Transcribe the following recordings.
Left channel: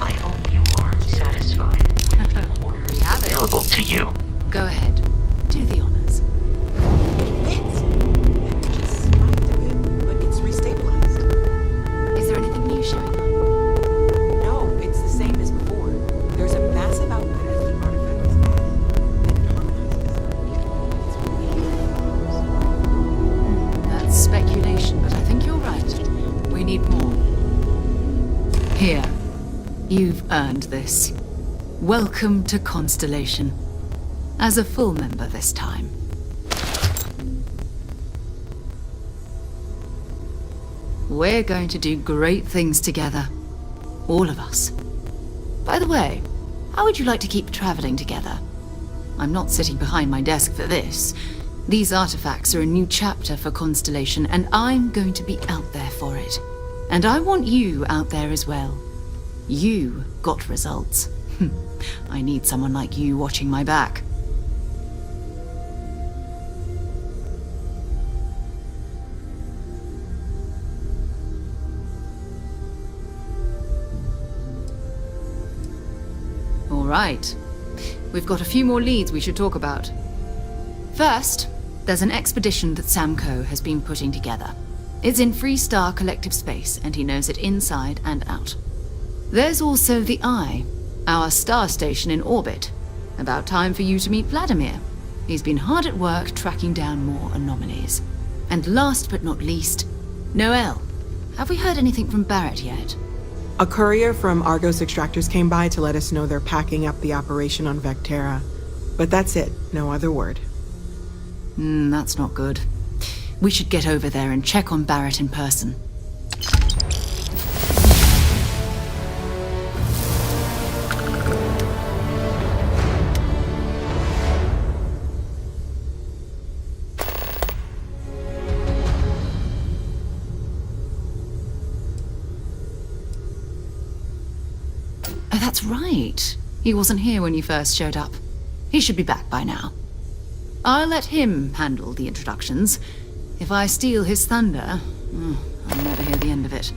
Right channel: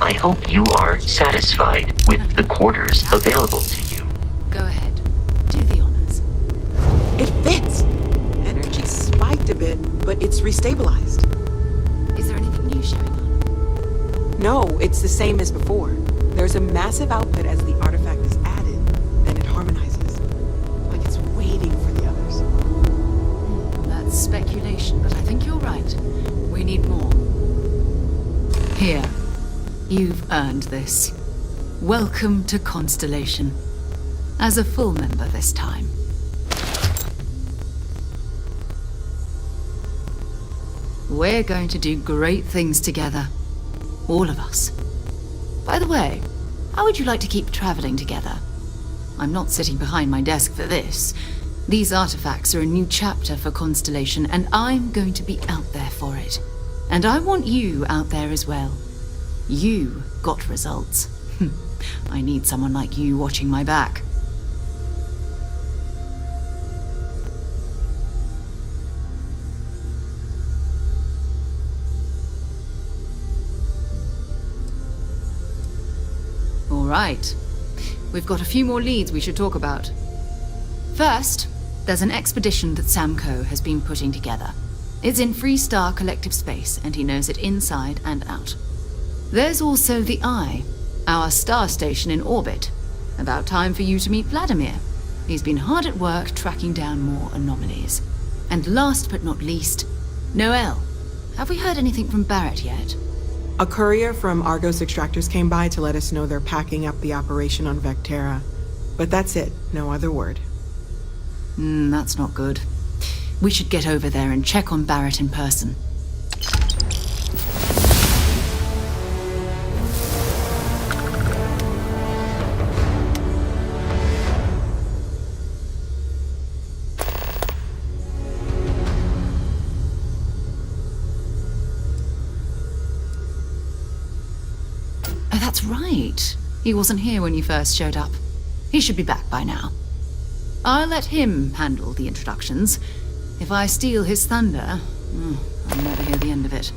I hope you are satisfied with the quarters available to you. Go ahead. Do the honors. It fits! Energy spiked a bit, but it's restabilized. Is there anything new showing up? No, it's the same as before. There's a massive output as the artifact is added, then it harmonizes. Like it's waiting for the others. That's speculation, but I think you're right. We need more. Here. You've earned this. Welcome to Constellation. As a full member this time. We're going to do great things together. All of us. By the way, how would you like to keep traveling together? I'm not sitting behind my desk for this. These artifacts are a new chapter for Constellation, and I'm going to be out there for it. And I want you out there as well. You got results. I need someone like you watching my back. All right. We've got a few more leads we should talk about. First, there's an expedition that Samco has been putting together. It's in Freestar collective space, and he knows it inside and out. There's also the Eye, our star station in orbit. About time for you to meet Vladimir. He's been hard at work tracking down more anomalies. And last but not least, Noel. Have we heard anything from Barrett yet? A courier from Argos Extractors came by to let us know they're packing up the operation on Vectera. But that's it, no other word. That's not good. We should get over there and check on Barrett in person. Oh, that's right. He wasn't here when you first showed up. He should be back by now. I'll let him handle the introductions. If I steal his thunder, I'll never hear the end of it.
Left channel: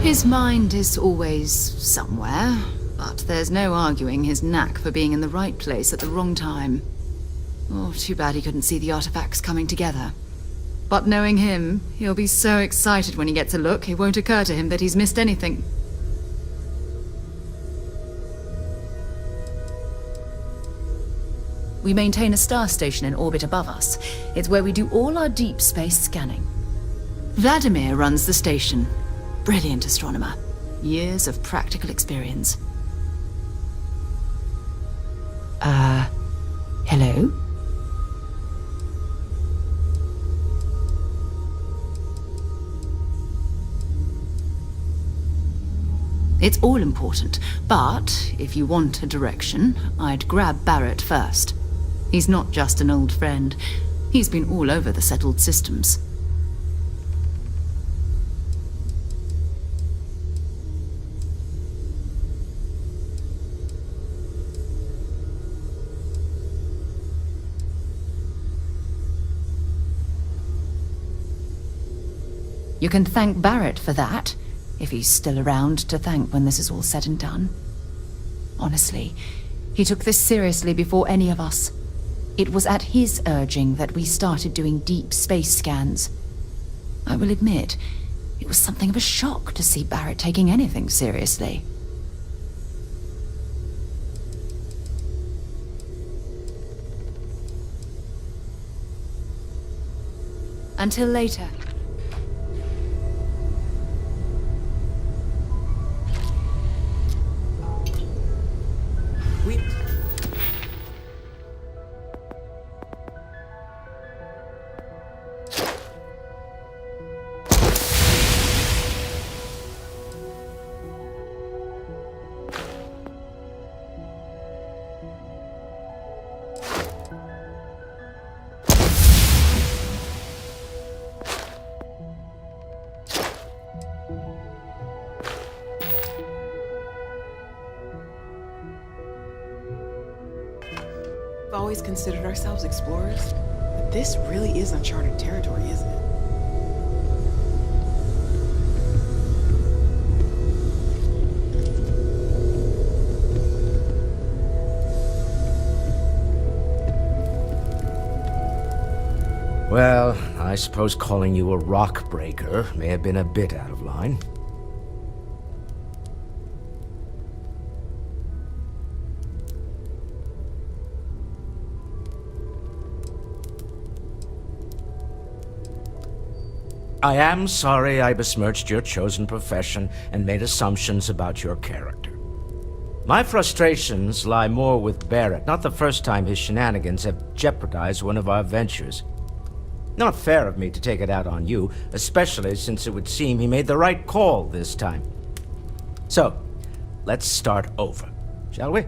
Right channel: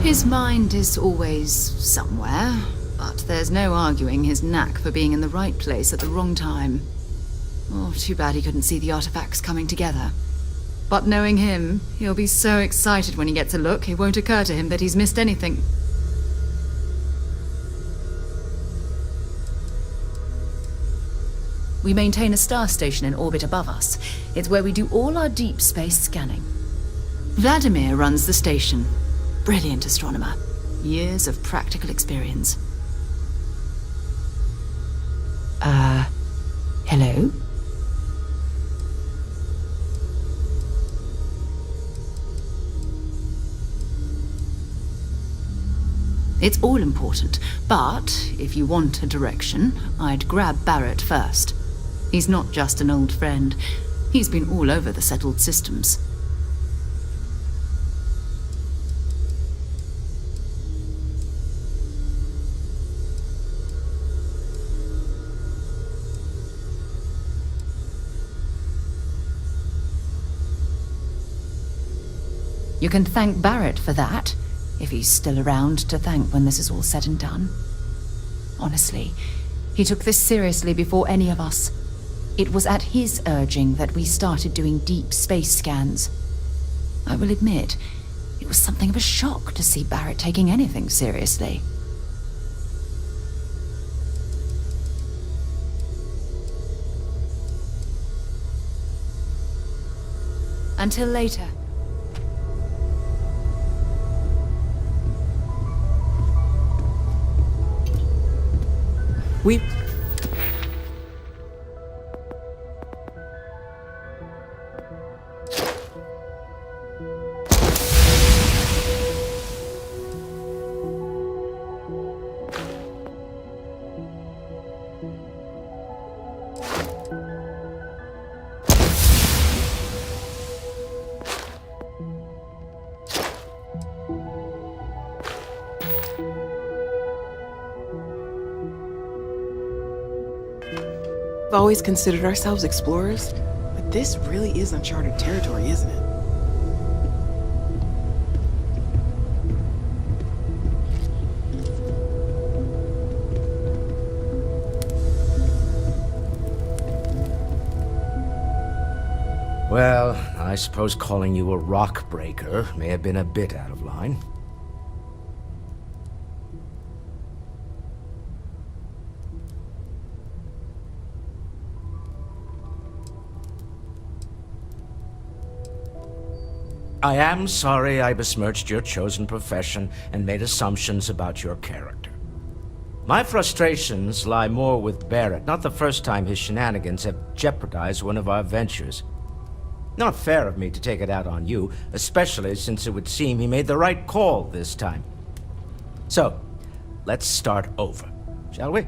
His mind is always somewhere, but there's no arguing his knack for being in the right place at the wrong time. Oh, too bad he couldn't see the artifacts coming together. But knowing him, he'll be so excited when he gets a look, it won't occur to him that he's missed anything. We maintain a star station in orbit above us. It's where we do all our deep space scanning. Vladimir runs the station. Brilliant astronomer. Years of practical experience. Hello? It's all important, but if you want a direction, I'd grab Barrett first. He's not just an old friend. He's been all over the settled systems. You can thank Barrett for that, if he's still around to thank when this is all said and done. Honestly, he took this seriously before any of us. It was at his urging that we started doing deep space scans. I will admit, it was something of a shock to see Barrett taking anything seriously. Until later. We... always considered ourselves explorers, but this really is uncharted territory, isn't it? Well, I suppose calling you a rock breaker may have been a bit out of line. I am sorry I besmirched your chosen profession and made assumptions about your character. My frustrations lie more with Barrett, not the first time his shenanigans have jeopardized one of our ventures. Not fair of me to take it out on you, especially since it would seem he made the right call this time. So, let's start over, shall we?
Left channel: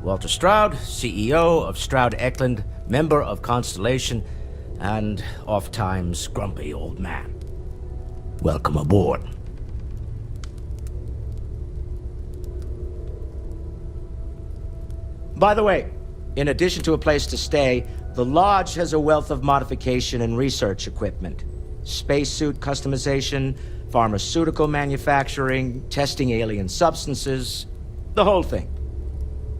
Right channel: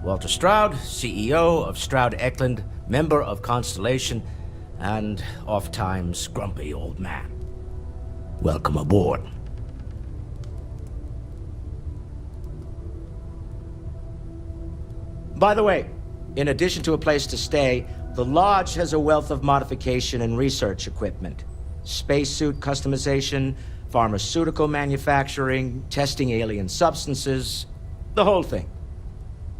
Walter Stroud, CEO of Stroud Eklund, member of Constellation, and oft-times grumpy old man. Welcome aboard. By the way, in addition to a place to stay, the Lodge has a wealth of modification and research equipment. Spacesuit customization, pharmaceutical manufacturing, testing alien substances, the whole thing.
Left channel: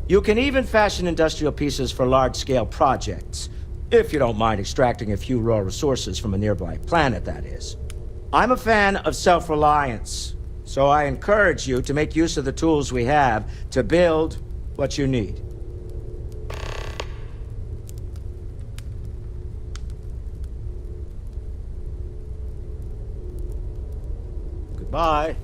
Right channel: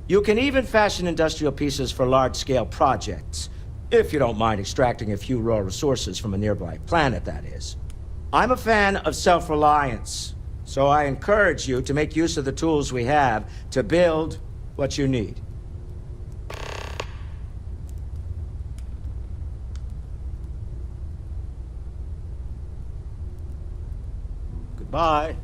You can even fashion industrial pieces for large-scale projects, if you don't mind extracting a few raw resources from a nearby planet, that is. I'm a fan of self-reliance, so I encourage you to make use of the tools we have to build what you need. Goodbye.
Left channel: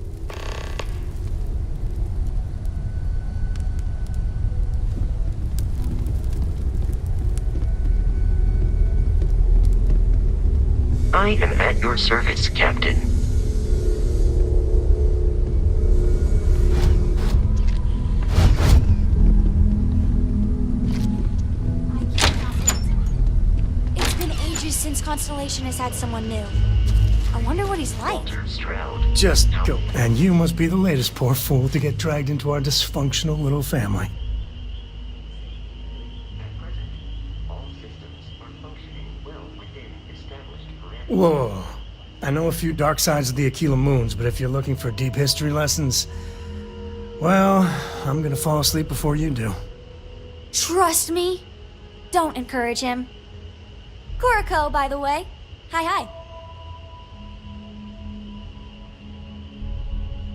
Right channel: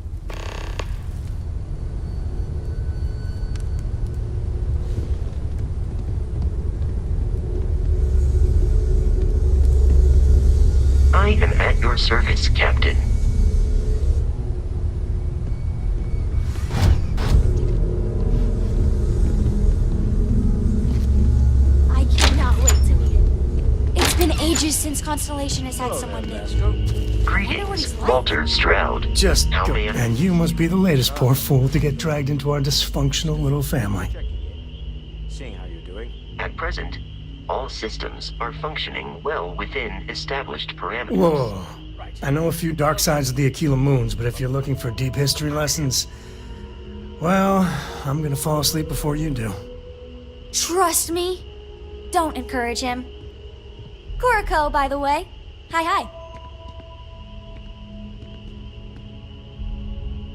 I am at your service, Captain. I cannot wait to meet him. It's been ages since Constellation has had someone new. I wonder what he's like. Walter Stroud. Just How go. may I- And you must be the latest poor fool to get dragged into our dysfunctional little family. Seeing how you're doing. At present, all systems are functioning well within established parameters. Whoa. I know a few dark sides of the Aquila moons, but if you're looking for deep history lessons, well, I'm gonna fall asleep before you do. Trust me. Don't encourage him. Kuriko, by the way. Hi.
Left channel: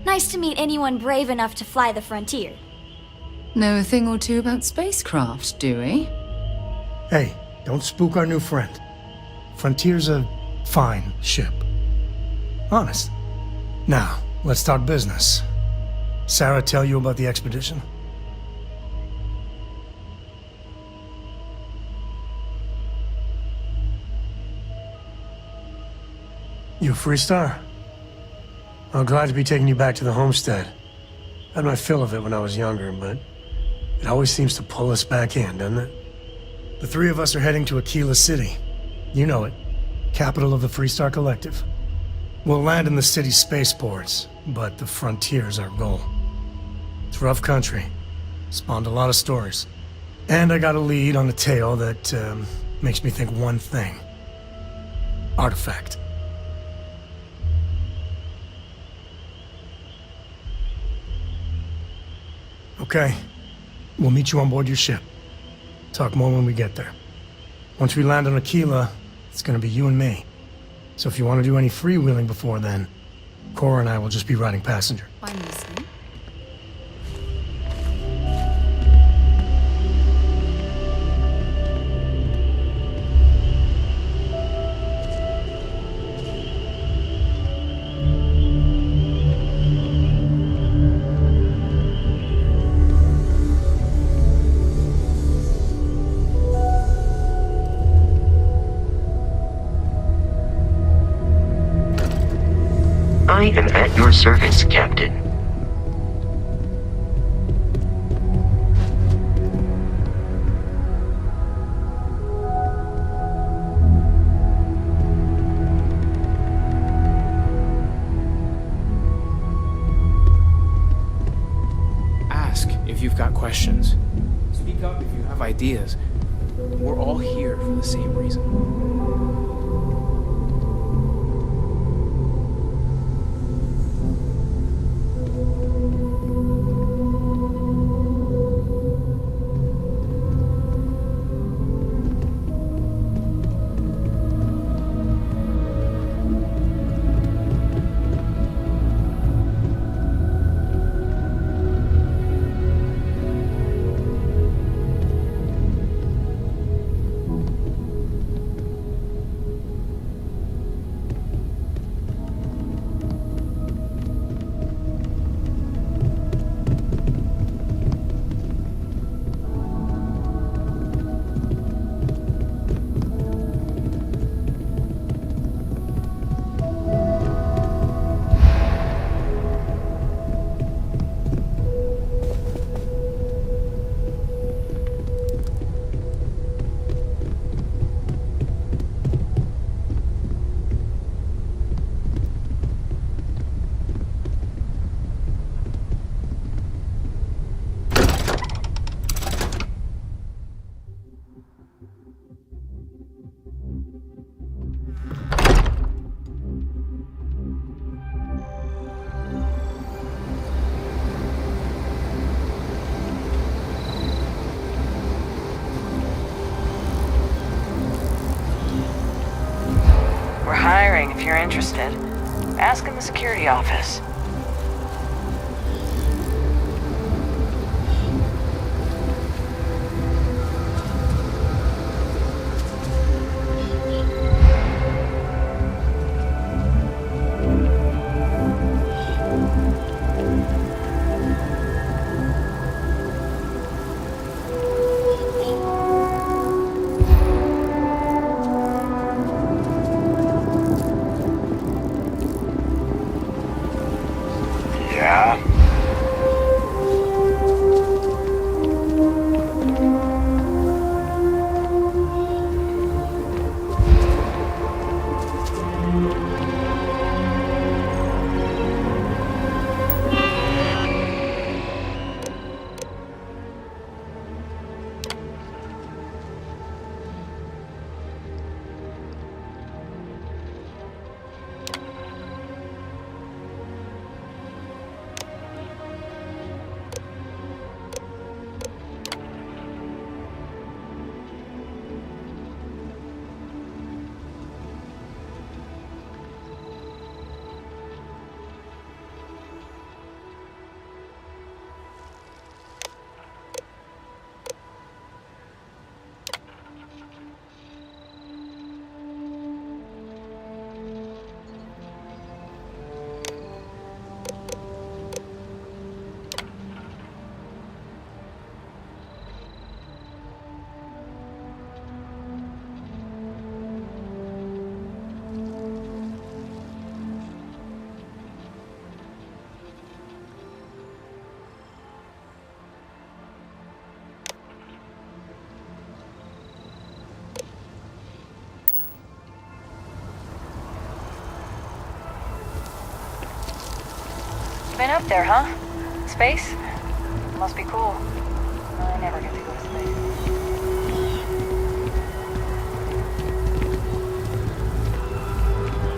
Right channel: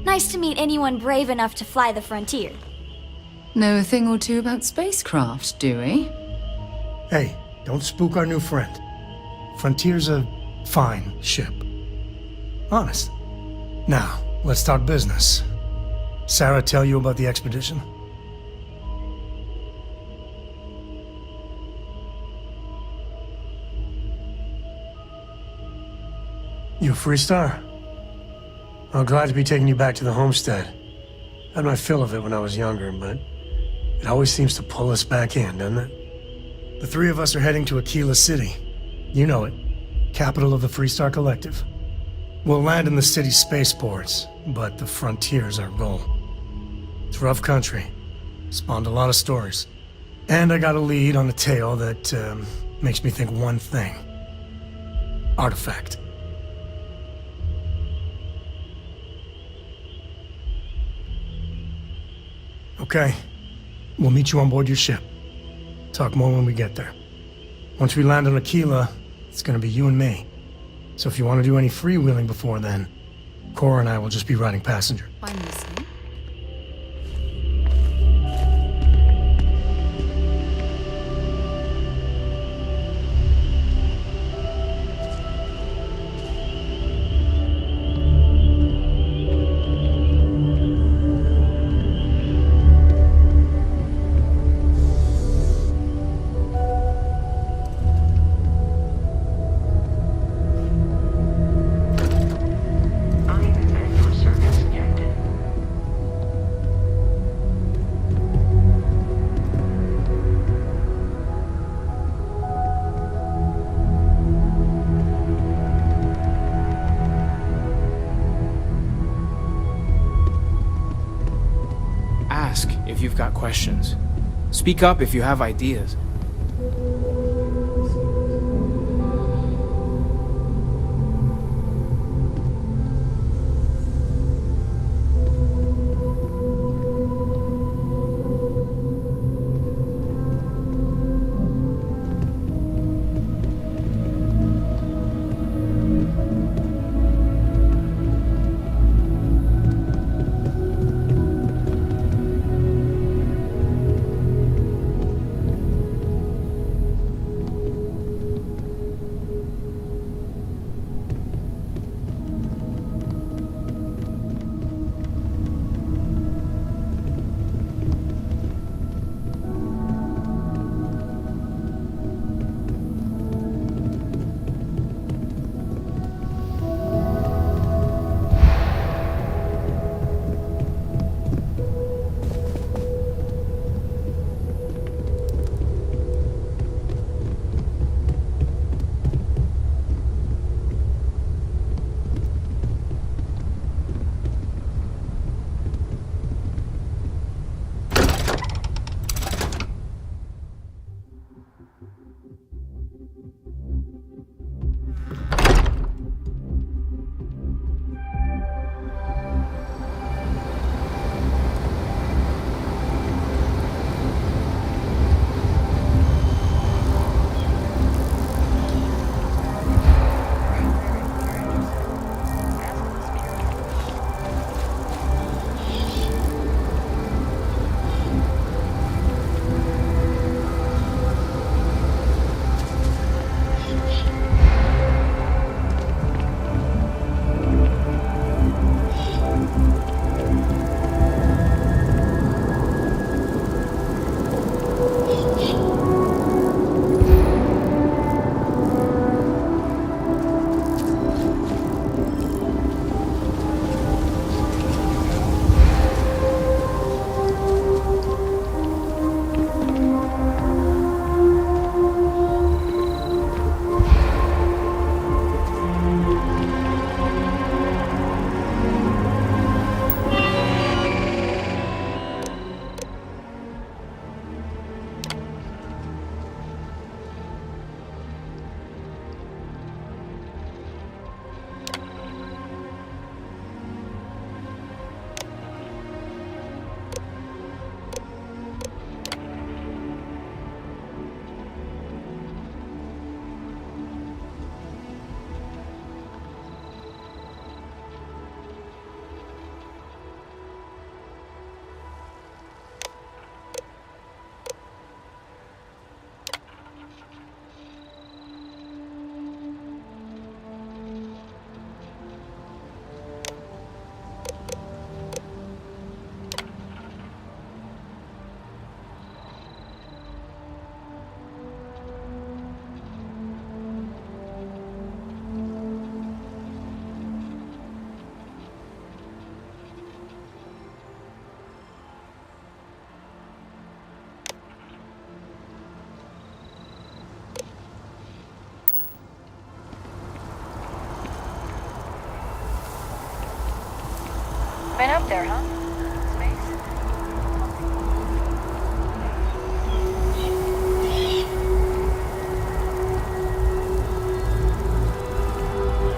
Nice to meet anyone brave enough to fly the frontier. Know a thing or two about spacecraft, do we? Hey, don't spook our new friend. Frontier's a fine ship. Honest. Now, let's talk business. Sarah tell you about the expedition? You a Freestar? I'm glad to be taking you back to the homestead. Had my fill of it when I was younger, but it always seems to pull us back in, doesn't it? The three of us are heading to Aquila City. You know it. Capital of the Freestar Collective. We'll land in the city's spaceports, but the frontier's our goal. It's rough country. Spawned a lot of stories. And I got a lead on a tale that makes me think one thing. Artifact. Okay. We'll meet you on board your ship. Talk more when we get there. Once we land on Aquila, it's gonna be you and me. So if you want to do any freewheeling before then, Cora and I will just be riding passenger. I'm listening. I am at your service, Captain. Ask if you've got questions. Speak up if you have ideas. all here for the same reason. If you're interested, ask in the security office. Been up there, huh? Space? Must be cool. I never get to go to space.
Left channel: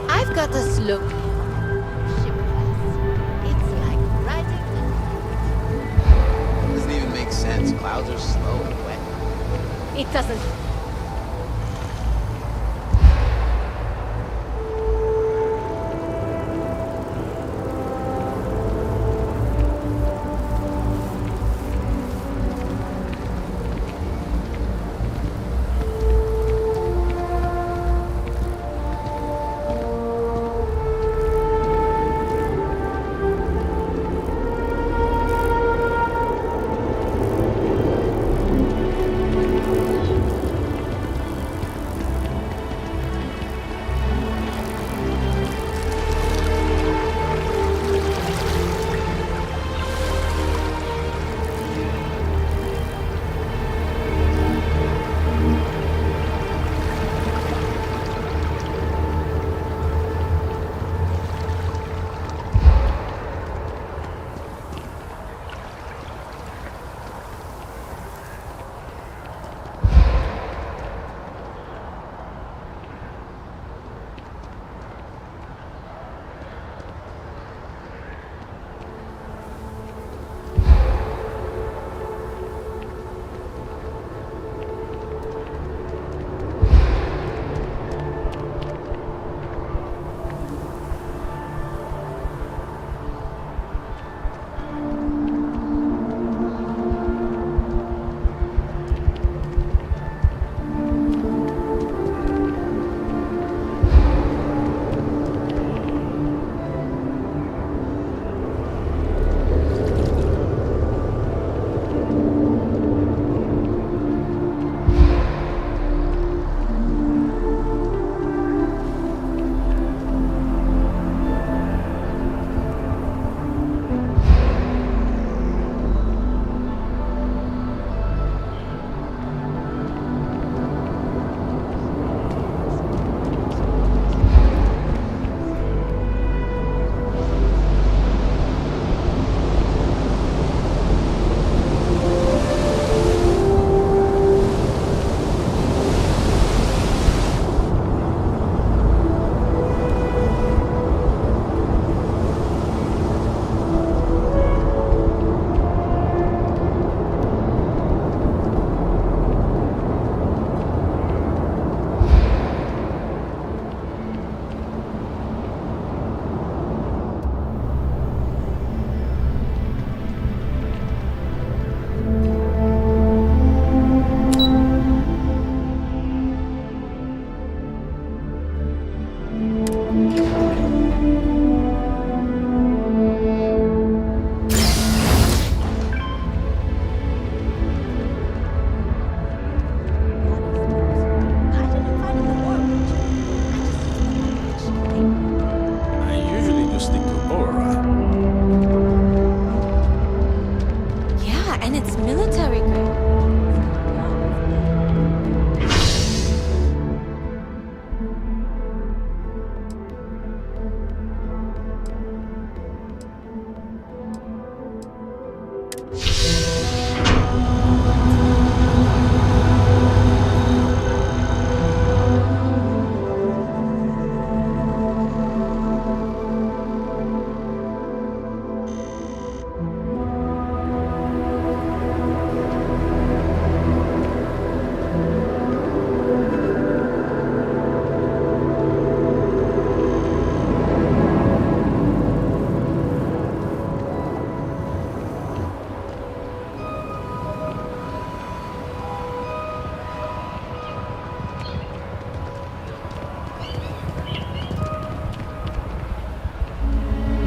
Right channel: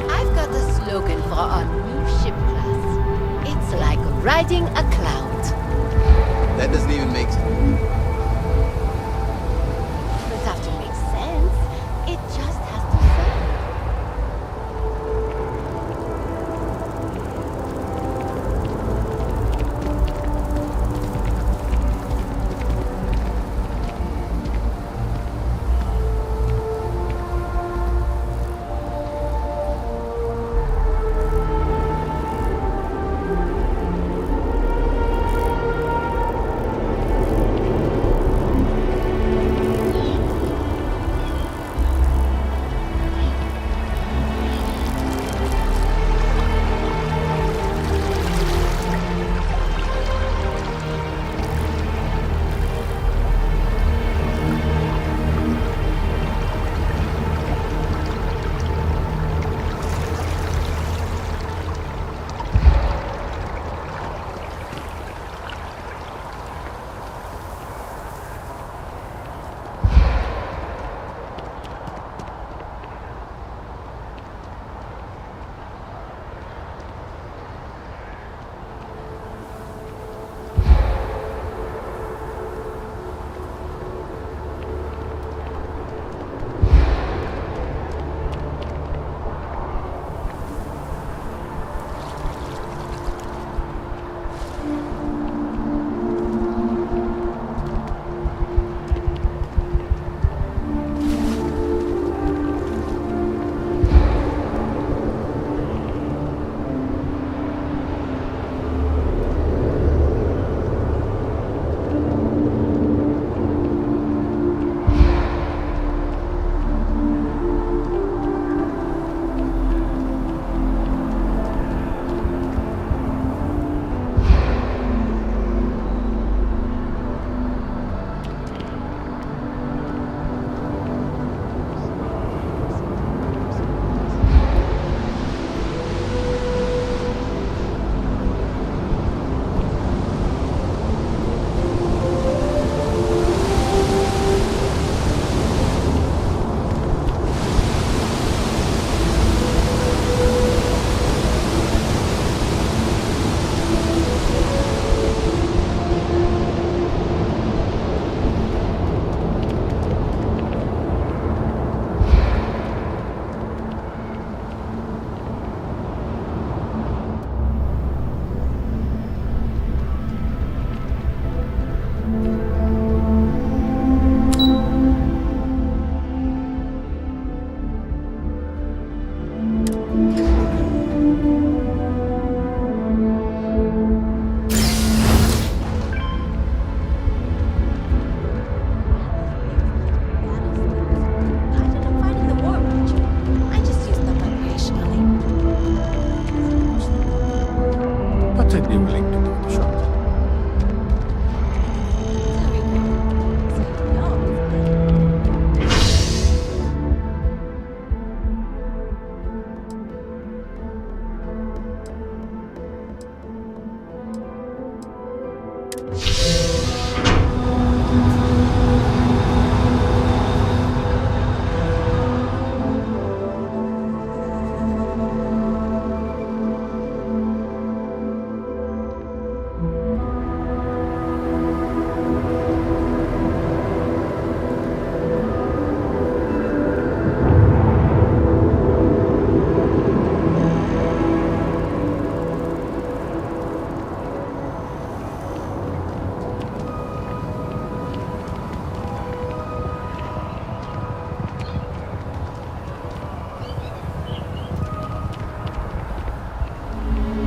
I've got a slogan for our new ship class. It's like riding a cloud. That doesn't even make sense. Clouds are slow and wet. It doesn't have to make sense. It just has to flow.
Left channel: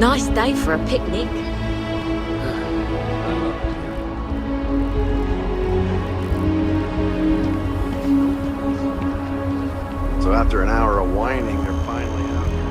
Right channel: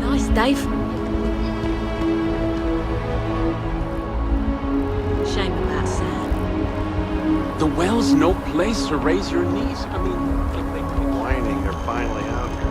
Nice day for a picnic. Shame about sand. The well's no place to raise your knees. I mean, So after an hour of whining, they're finally out here.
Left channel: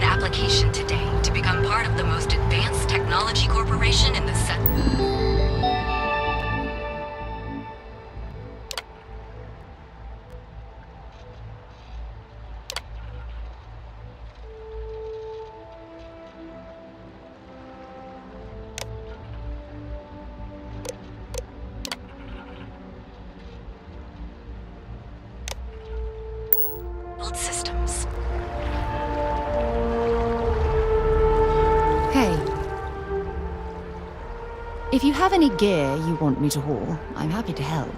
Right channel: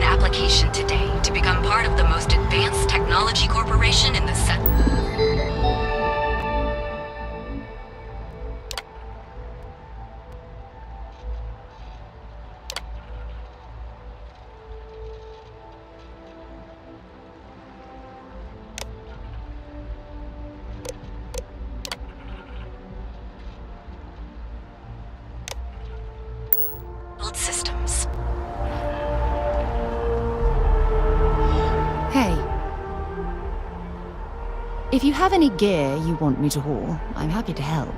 Application today to become part of the most advanced technology corporation in the set. Systems. Hey. If you have any gear you want me to haul, I'm happy to help.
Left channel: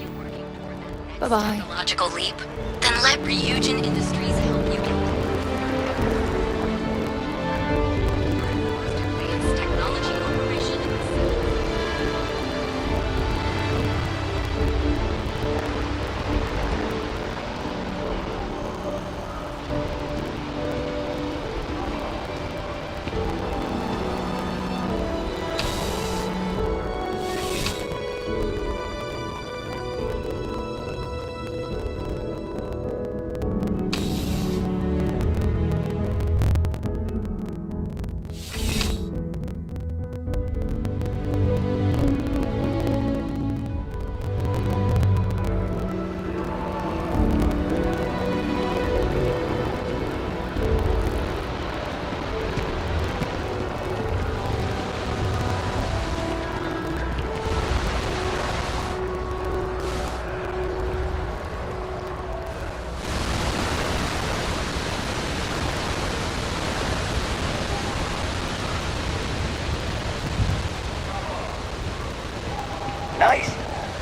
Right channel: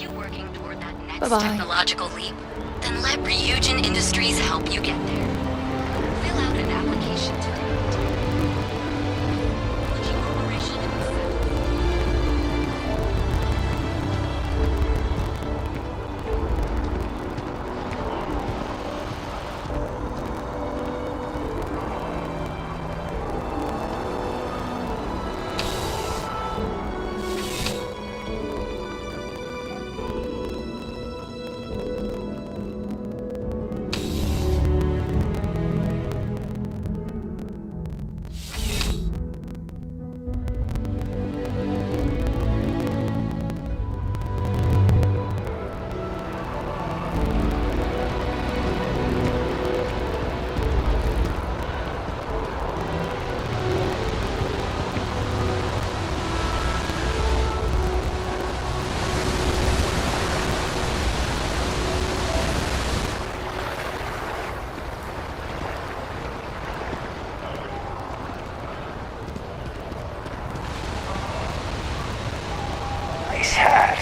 you working toward that next Bye-bye. technological leap? Then let Ryujin Industries help you get there. Fill out an application to be part of the Advanced Technology Corporation itself. Nice hat.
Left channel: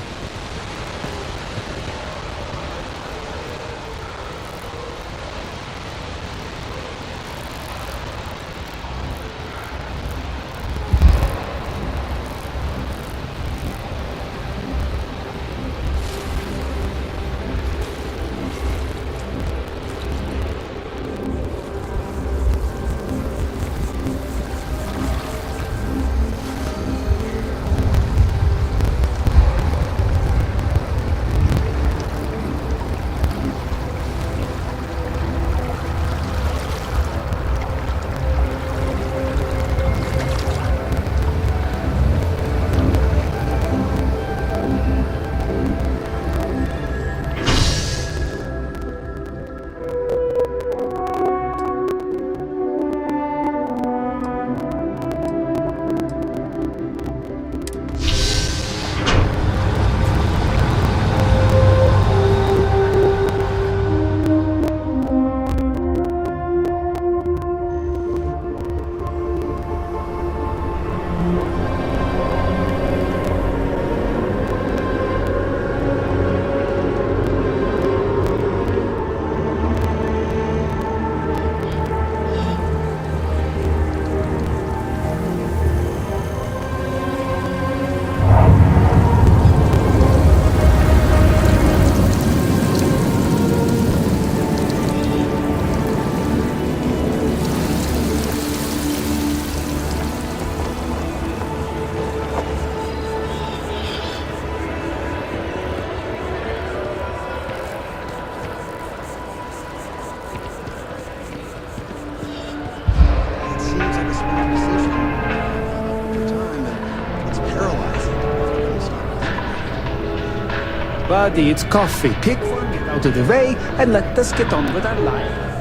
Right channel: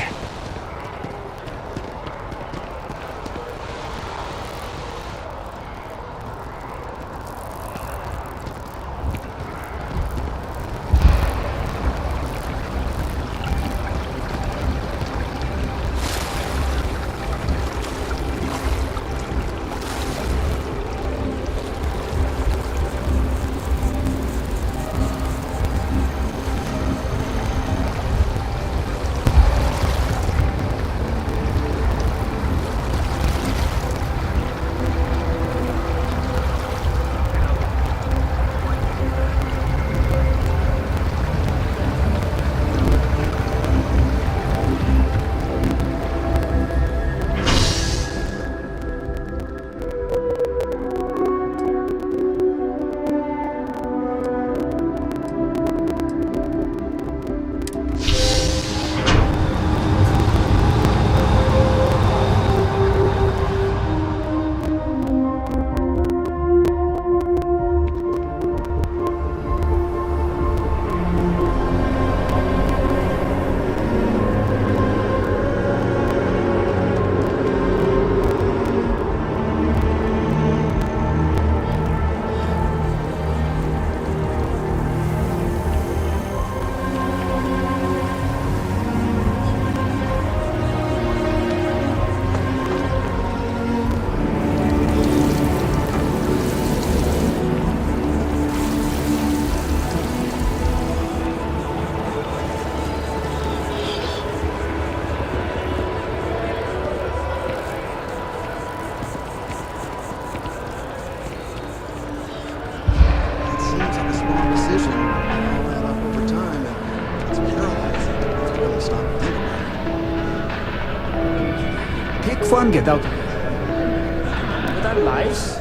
Seems like a small decision, but they all add up over time, and it's paralyzing if you really stop to think about it. Buddy, it's coffee. Pick one, get out of the way, and let us get on with our lives.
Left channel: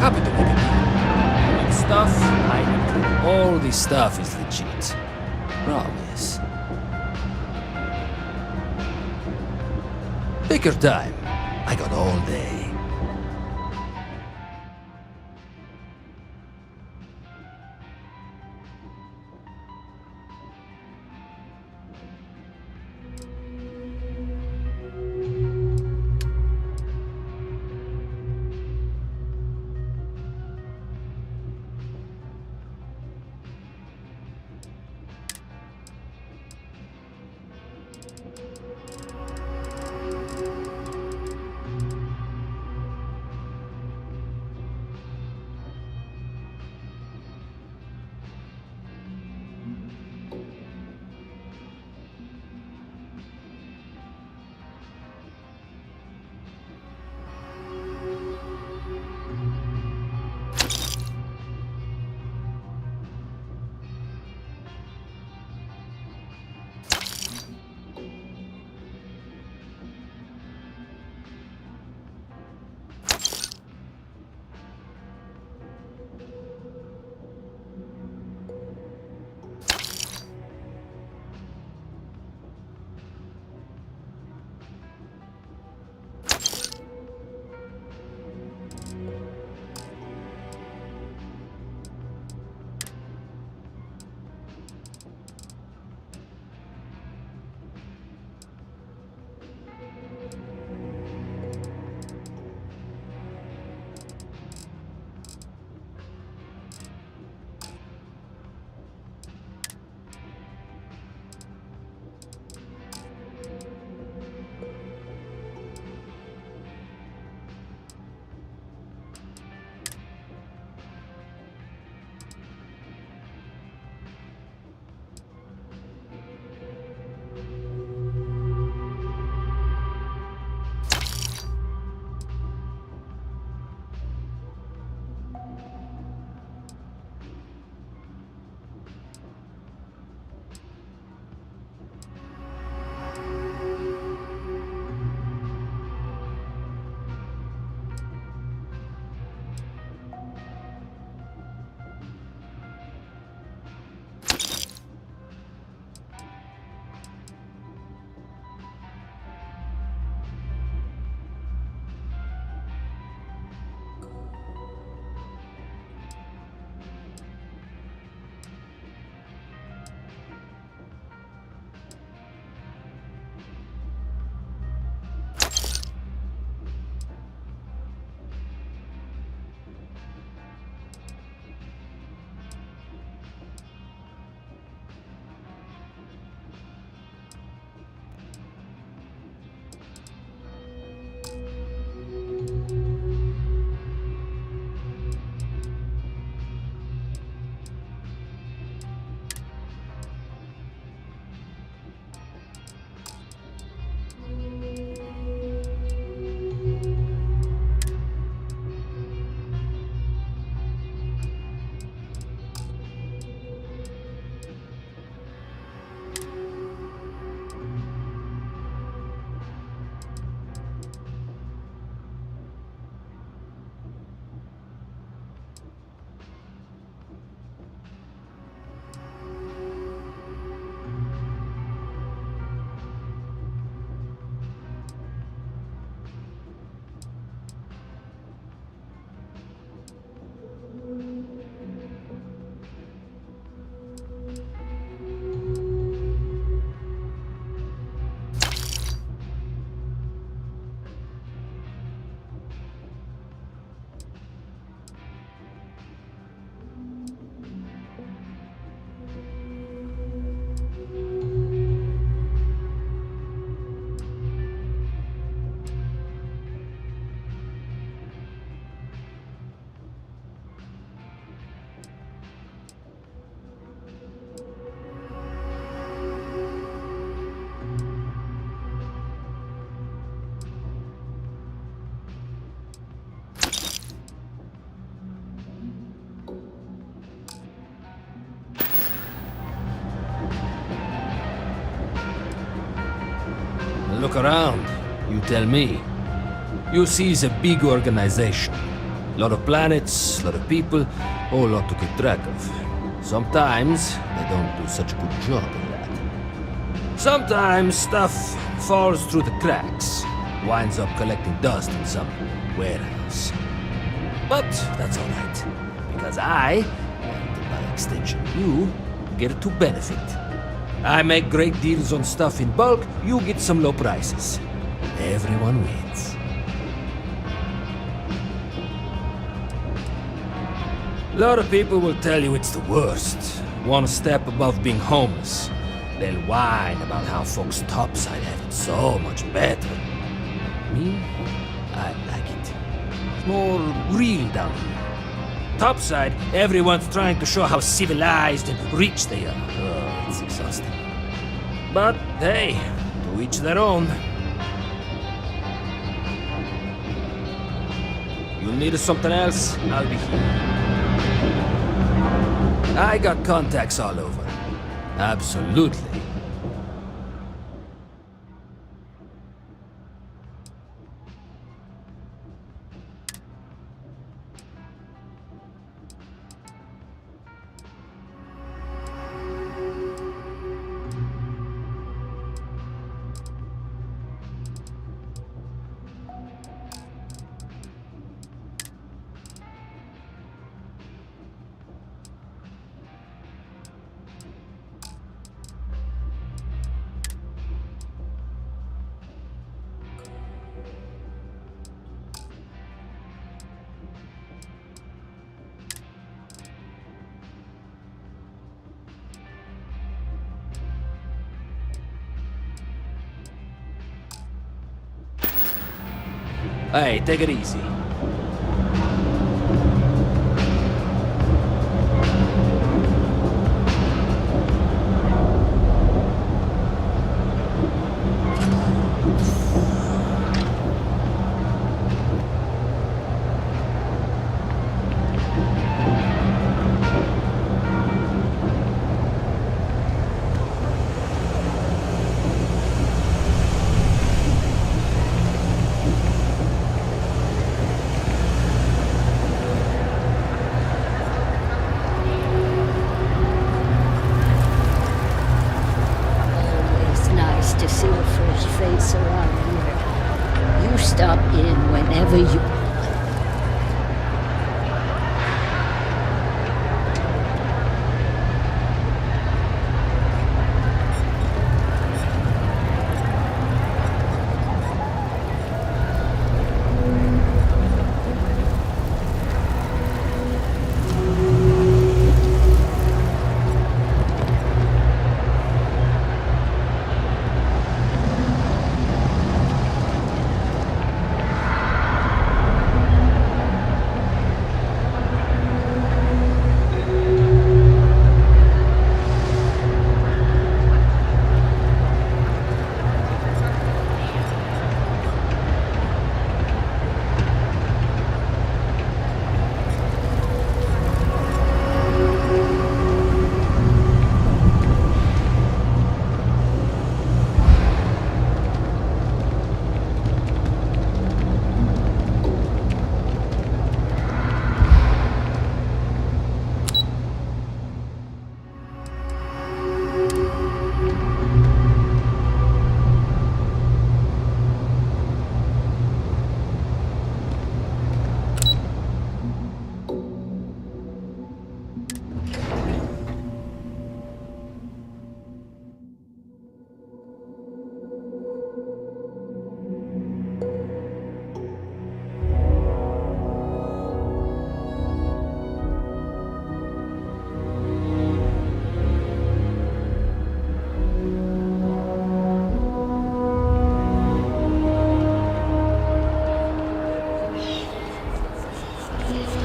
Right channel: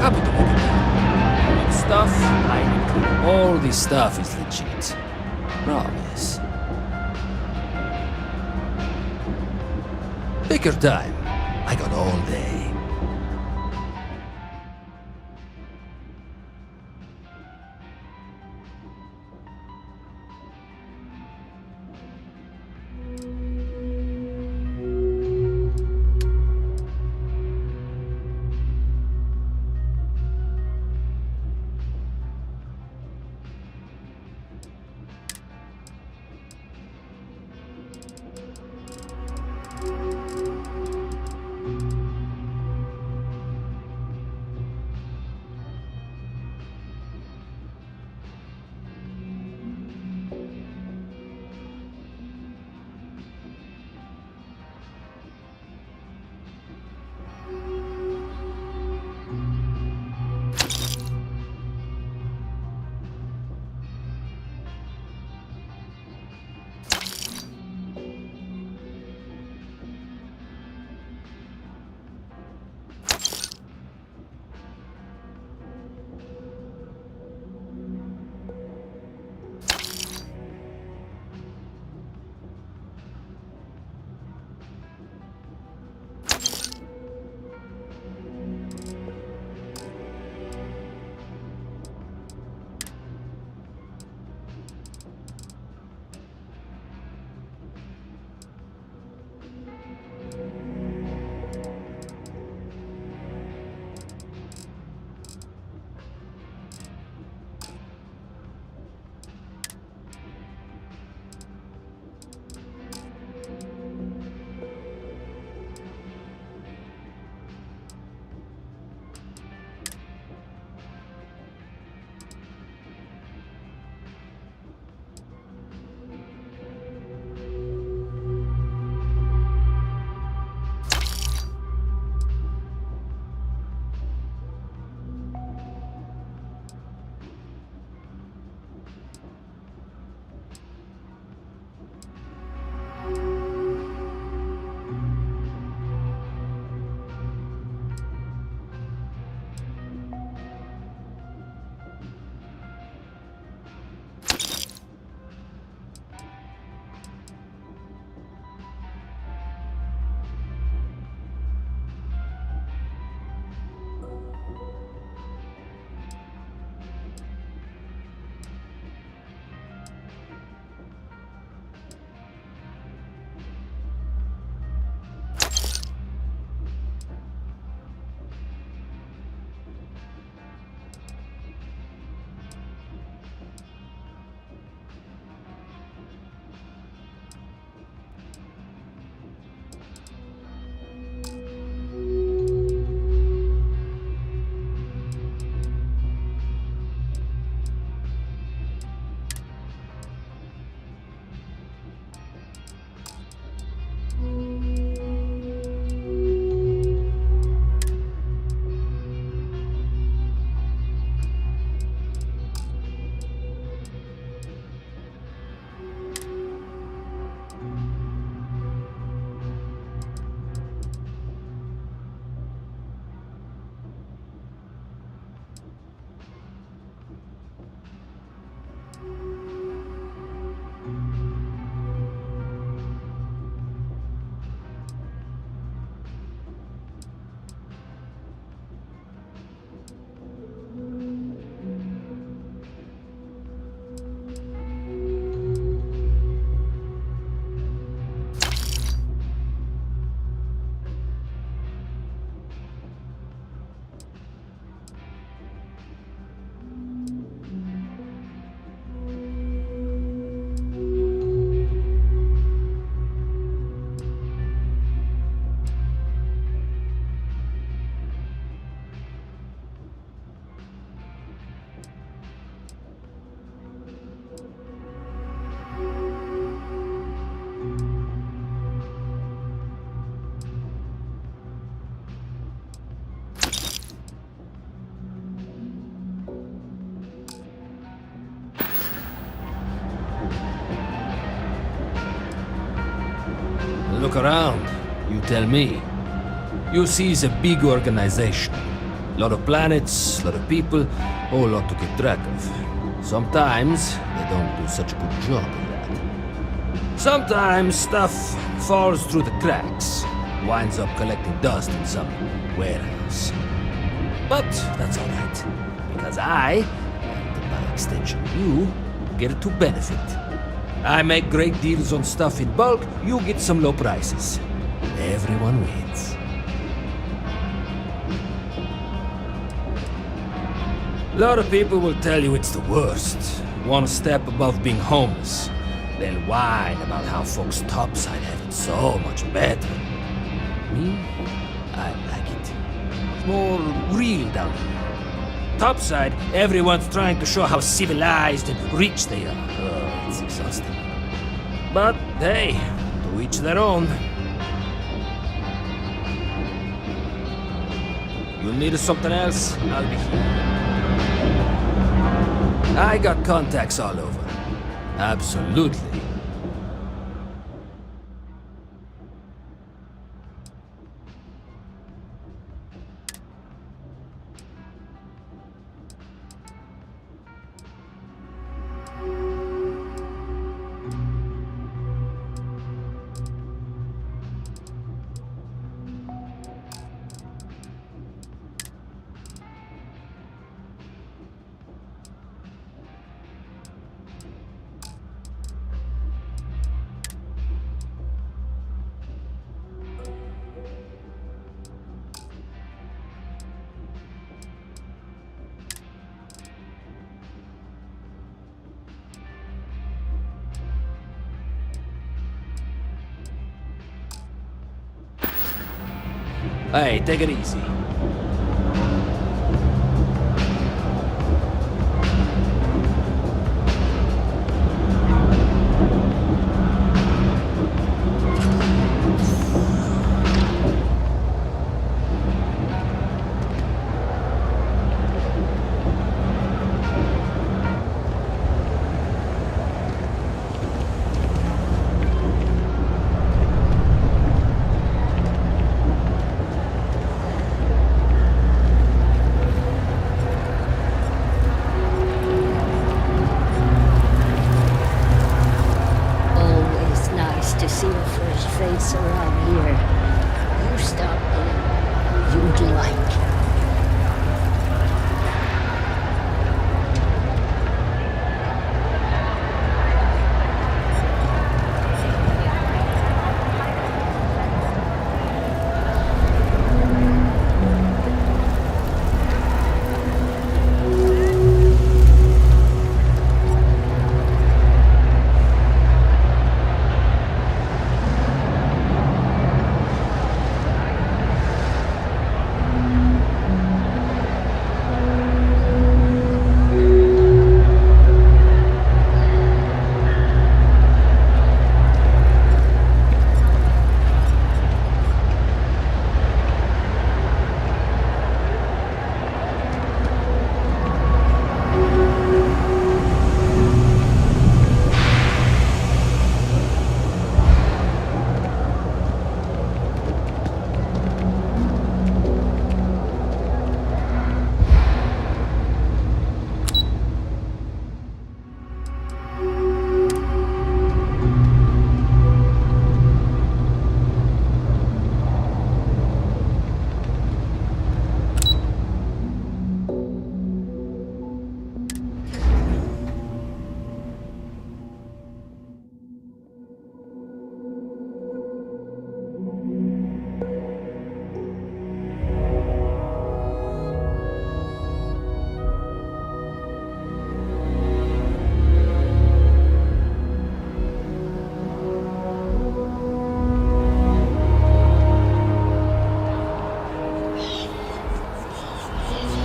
Happy to make it. I need stuff, I include. All this stuff is legit. Promise. Take your time. I got all day. Look around. You tell me. You see it's a big organization. Lot of planets, lot of people, whole lot to keep track of. Sometimes they don't do such a good job of that. Sometimes stuff falls through the cracks, winds up collecting dust in some warehouse. But that's alright, because I, and by extension you, get to benefit. I make great deals on stuff in bulk, you get some low prices. Everyone wins. A lot of people will tell you it's the worst. One step above being homeless. They'll whine about how folks topside have it so much better. Me? I like it. It's more real down here. Topside, everyone's trying to show how civilized and rich they are. Oh, it's exhausting. But hey, to each their own. You'll need something else, I'll be here. I got contacts all over. Absolutely. Hey, take it easy. To see a fresh face around here. You stop in whenever you'd like.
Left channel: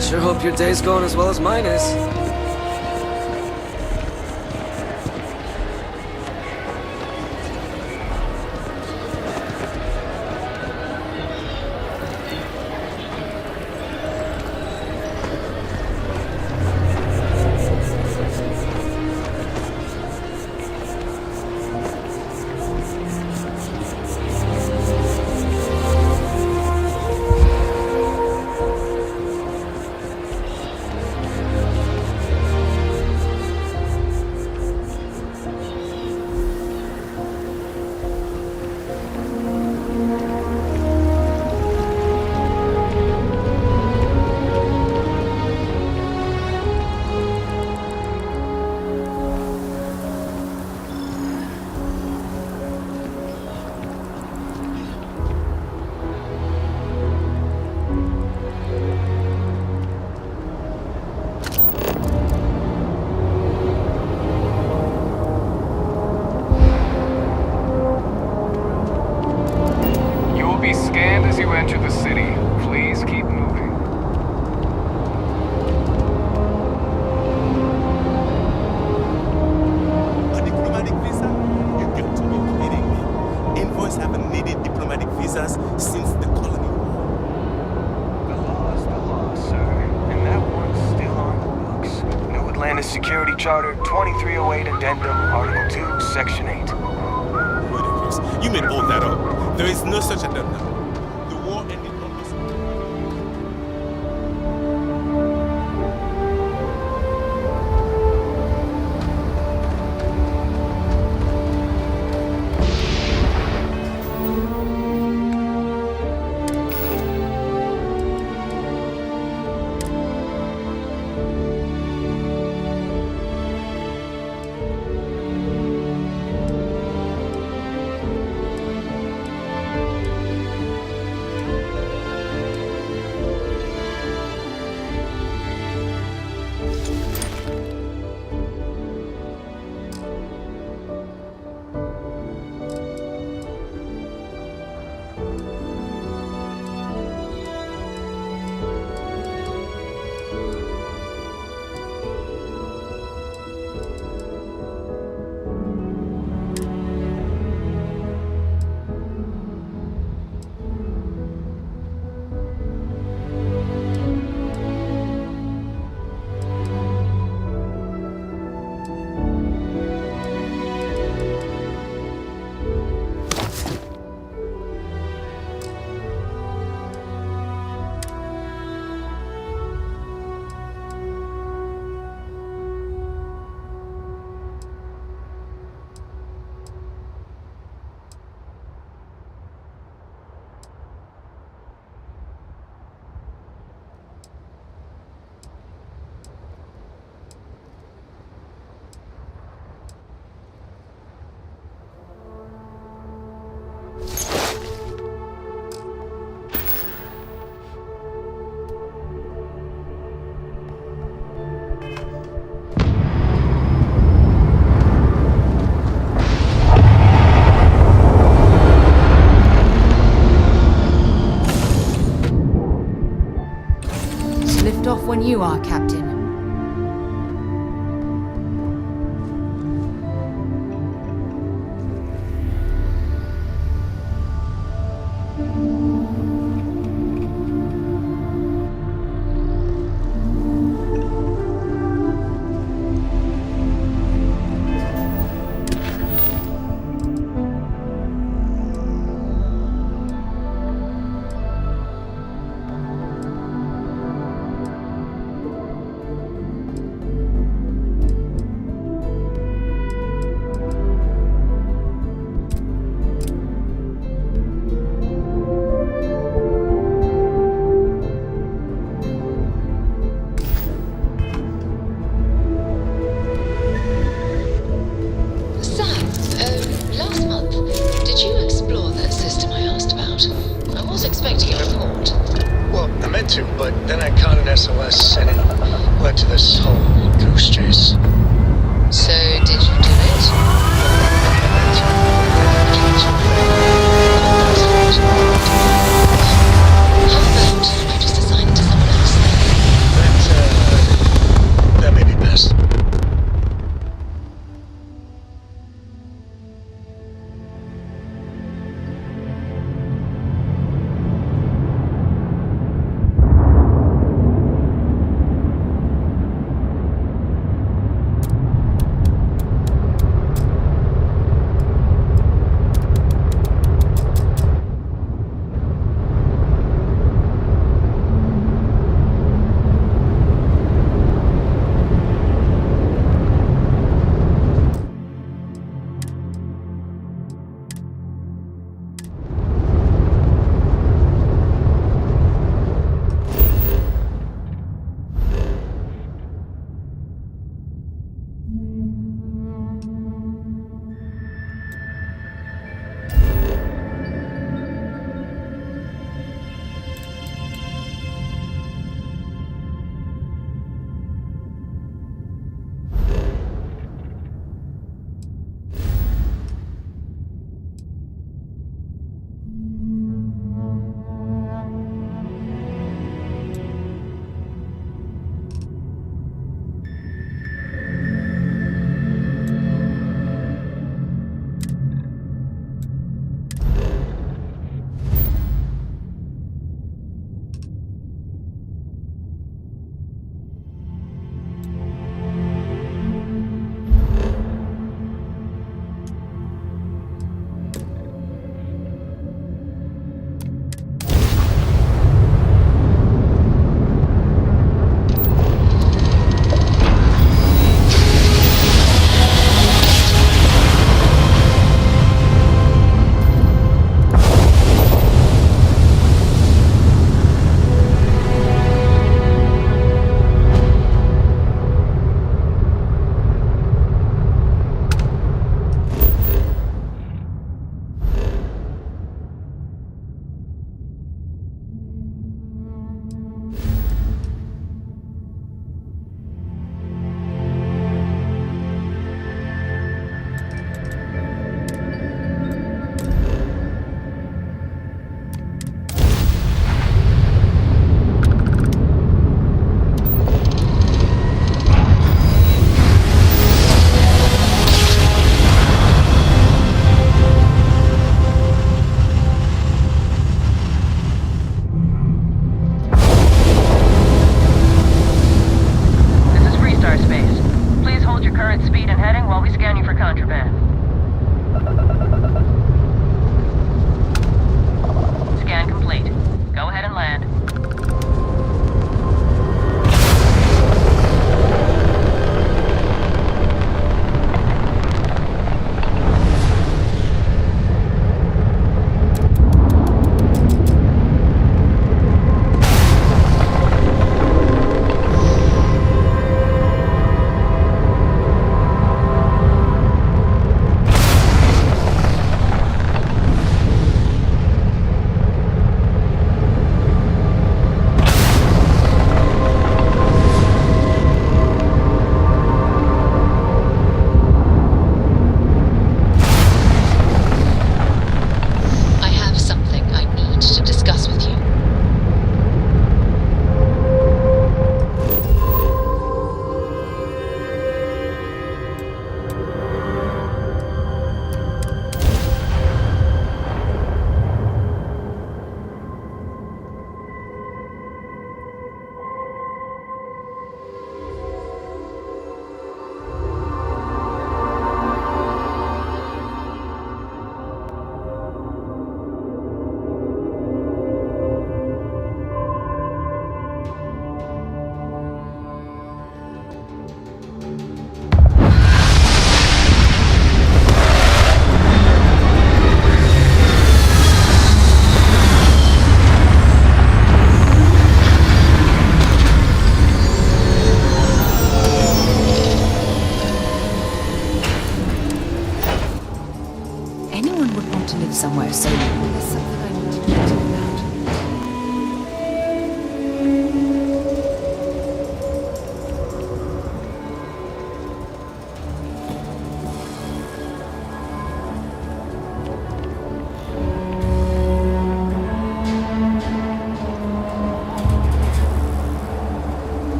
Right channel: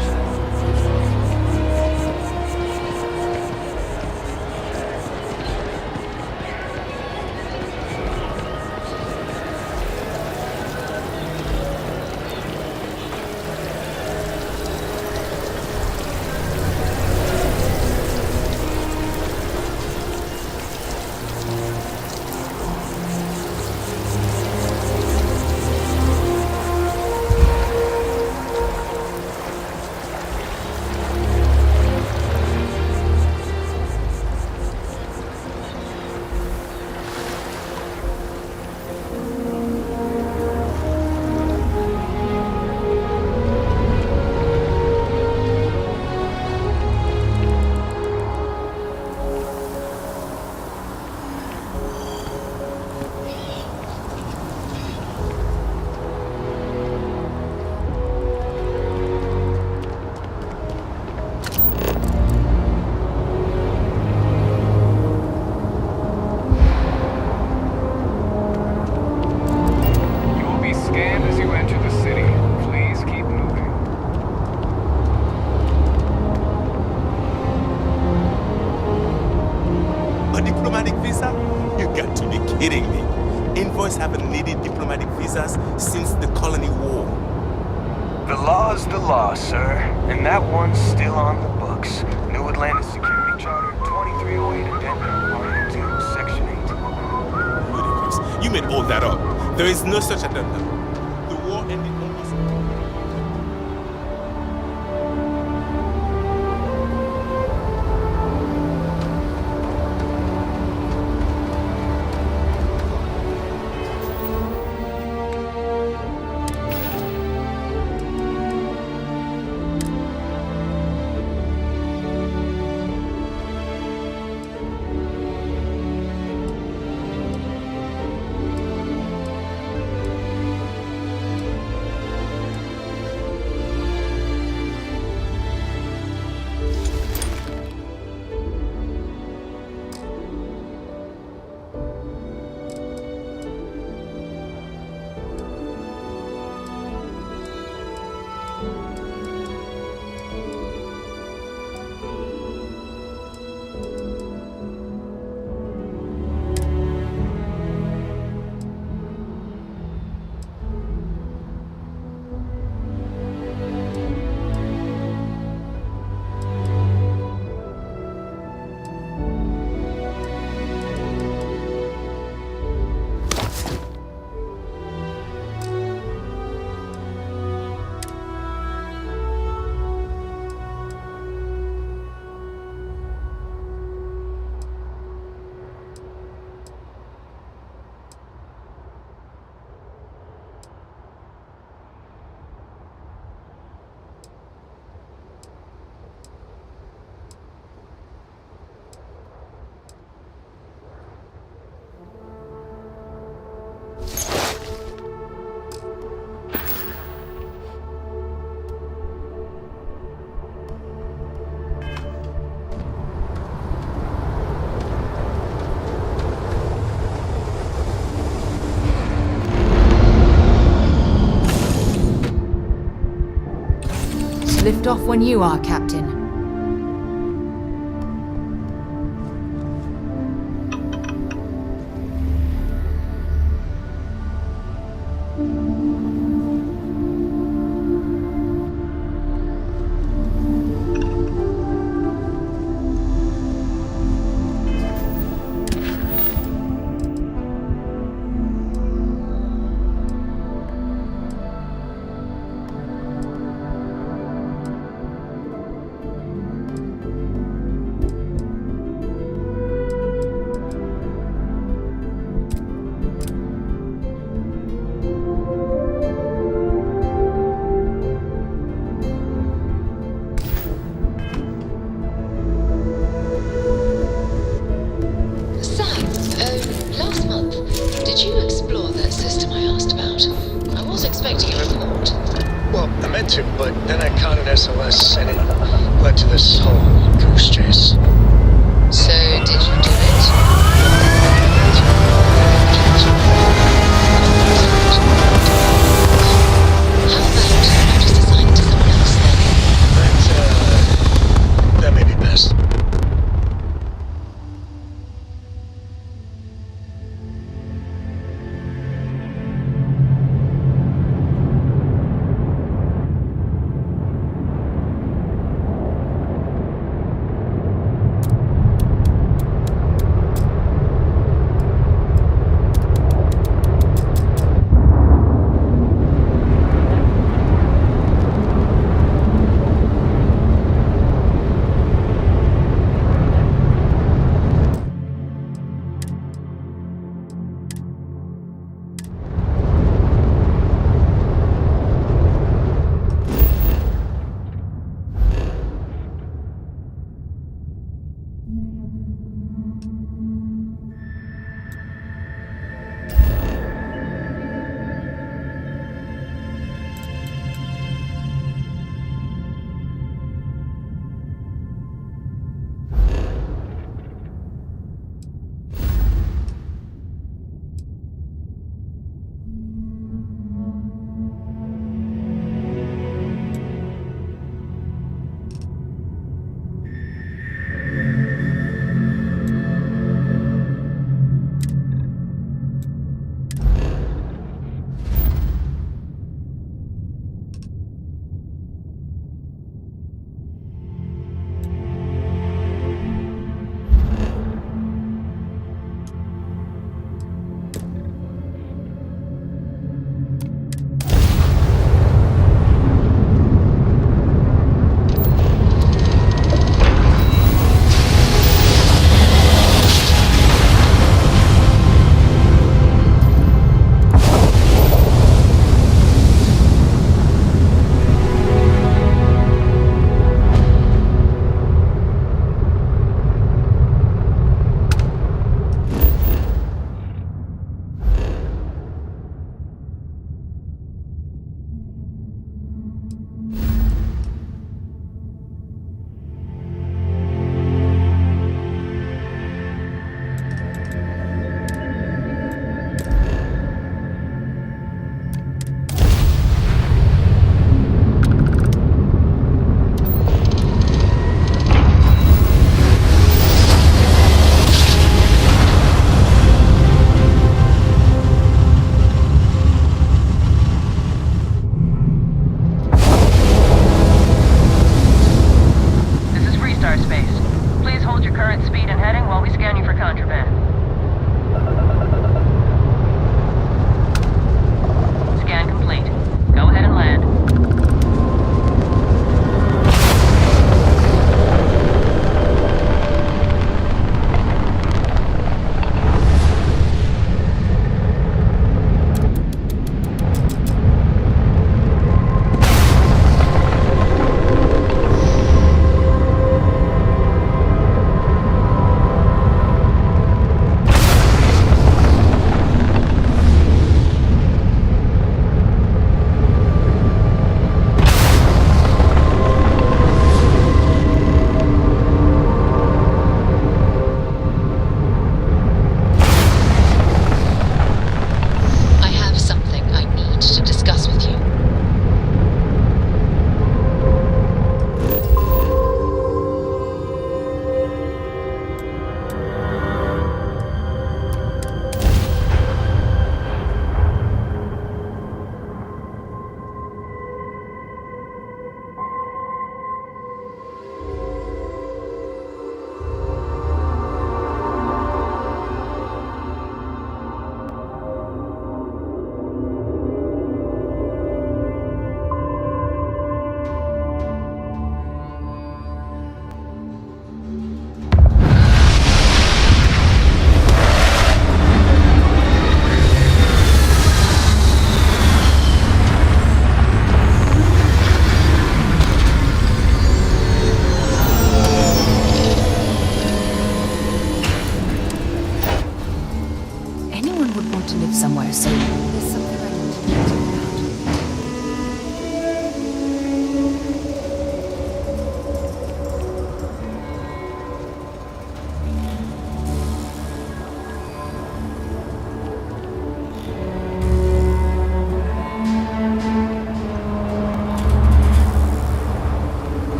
Sure hope your day's going as well as mine is. visas since the colony war. The law's the law, sir, and that one's still on the books. New Atlantis Security Charter, 2308 Addendum, Article 2, Section 8. Ludicrous. You made all that up. There is no such addendum. The war ended almost... Lift off when you are, Captain. Last month, did you explore that system I asked about? I was expecting a report. Well, I meant to, but then I caught an SOS and it led to this whole goose chase. So, did you do it? How about I just assign it to someone else then? That may be best.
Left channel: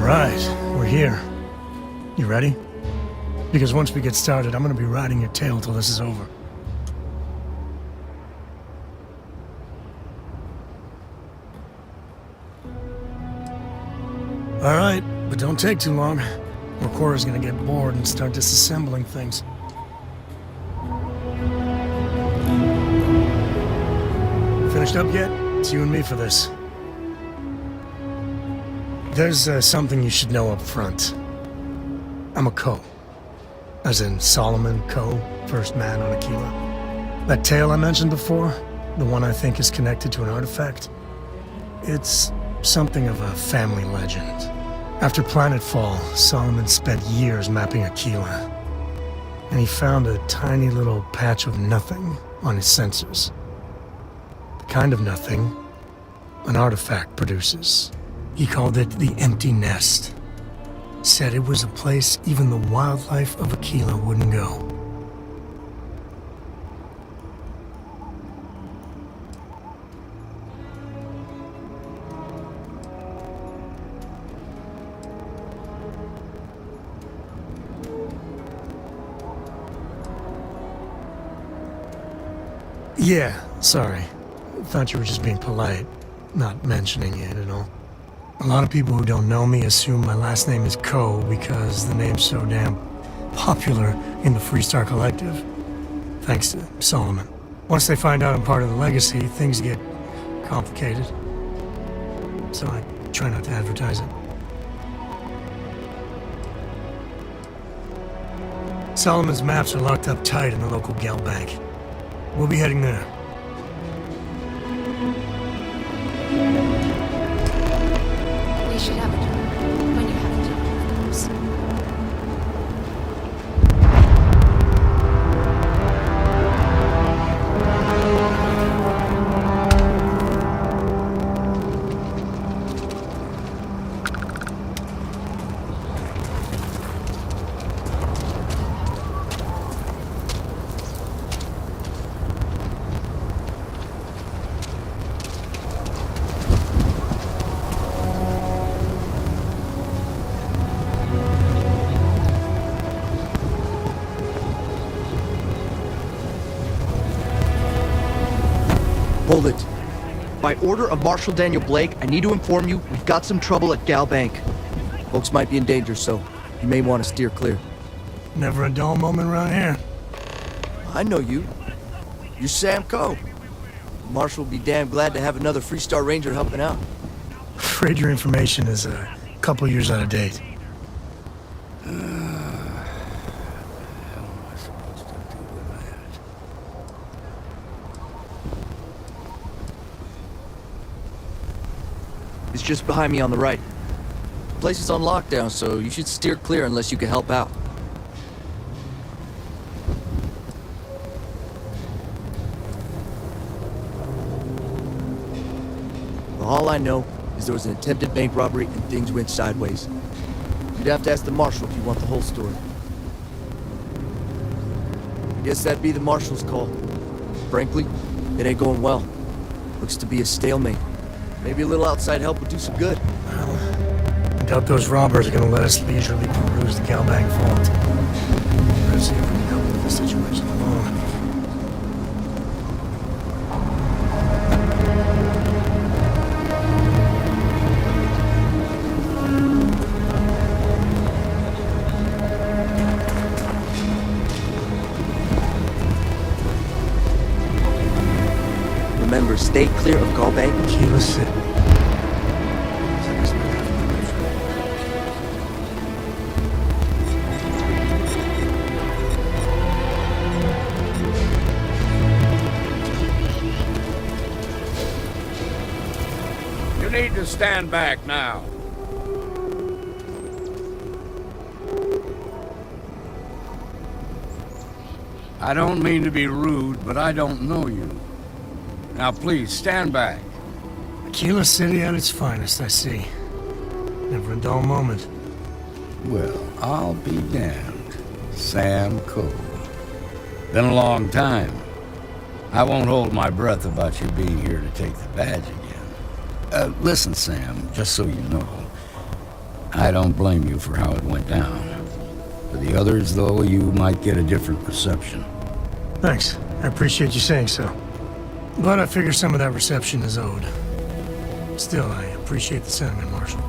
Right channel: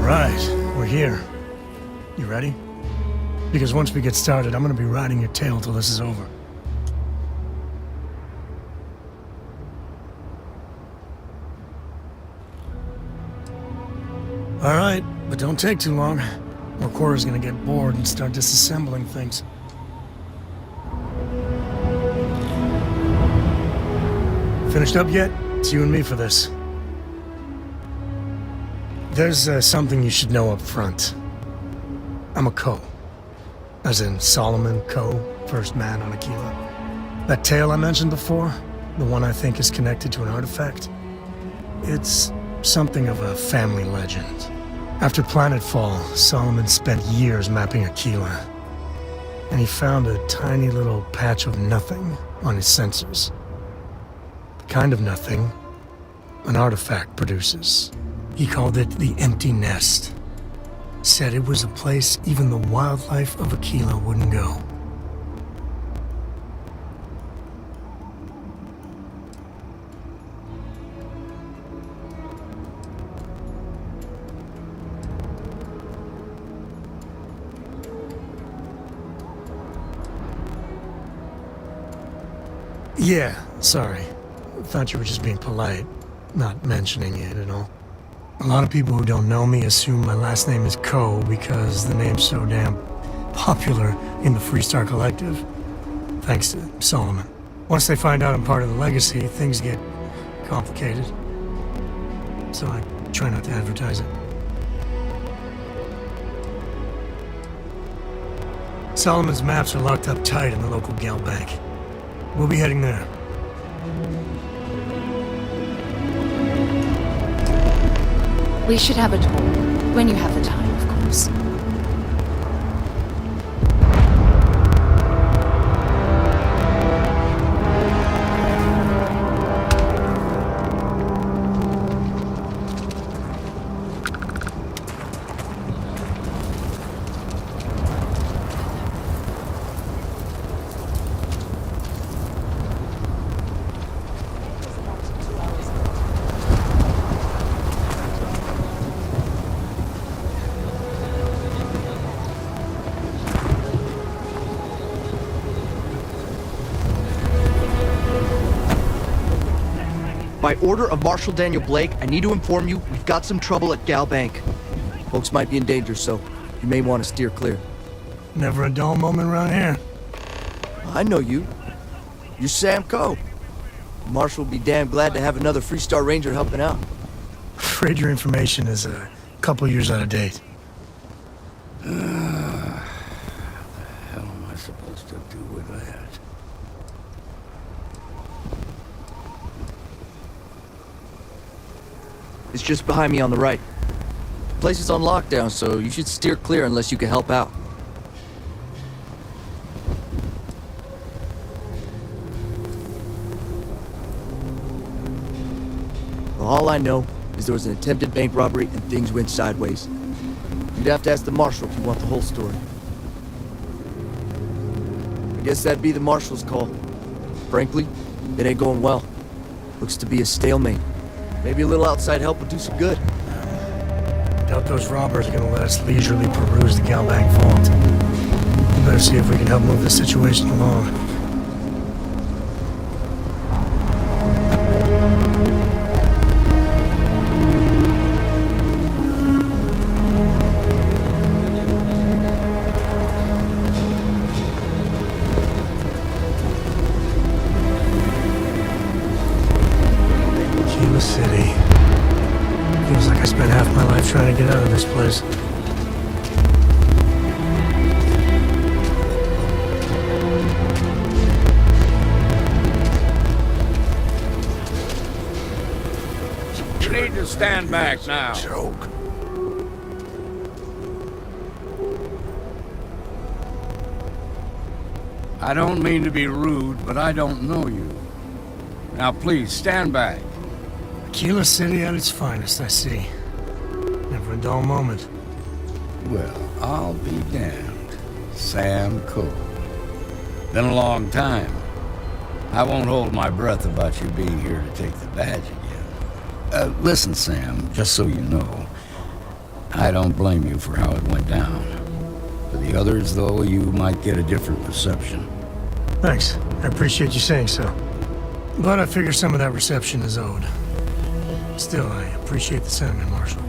Alright, we're here. You ready? Because once we get started, I'm gonna be riding your tail till this is over. Alright, but don't take too long. Recorder's gonna get bored and start disassembling things. Finished up yet? It's you and me for this. There's something you should know up front. I'm a Co. As in Solomon Co., first man on Aquila. That tale I mentioned before, the one I think is connected to an artifact, it's something of a family legend. After planetfall, Solomon spent years mapping Aquila, and he found a tiny little patch of nothing on his sensors. The kind of nothing an artifact produces. He called it the Empty Nest. Said it was a place even the wildlife of Aquila wouldn't go. Yeah, sorry. Thought you were just being polite, not mentioning it at all. A lot of people who don't know me assume my last name is Co because the name's so damn popular in the Freestar Collective. Thanks to Solomon. Once they find out I'm part of the Legacy, things get complicated. So I try not to advertise it. Solomon's maps are locked up tight in the local gal bank. We'll be heading there. We should have a tour. When you have the time, of course. Hold it. By order of Marshal Daniel Blake, I need to inform you we've got some trouble at Gal Bank. Folks might be in danger, so you may want to steer clear. Never a dull moment around here. I know you. You're Sam Coe. Marshal will be damn glad to have another Freestar Ranger helping out. Afraid your information is a couple years out of date. What the hell am I supposed to do with that? It's just behind me on the right. The place is on lockdown, so you should steer clear unless you can help out. Well, all I know is there was an attempted bank robbery and things went sideways. You'd have to ask the Marshal if you want the whole story. I guess that'd be the Marshal's call. Frankly, it ain't going well. Looks to be a stalemate. Maybe a little outside help would do some good. I doubt those robbers are gonna let us leisurely peruse the Galbank vault. We better see if we can help move this situation along. Remember, stay clear of Galbank. Aquila City. Feels like I spent half my life trying to get out of this place. You need to stand back now. I don't mean to be rude, but I don't know you. Now please, stand back. Aquila City at its finest, I see. Never a dull moment. Well, I'll be damned. Sam Coe. Been a long time. I won't hold my breath about you being here to take the badge again. Listen, Sam, just so you know, I don't blame you for how it went down. For the others, though, you might get a different reception. Thanks. I appreciate you saying so. But I figure some of that reception is owed. Still, I appreciate the sentiment, Marshal.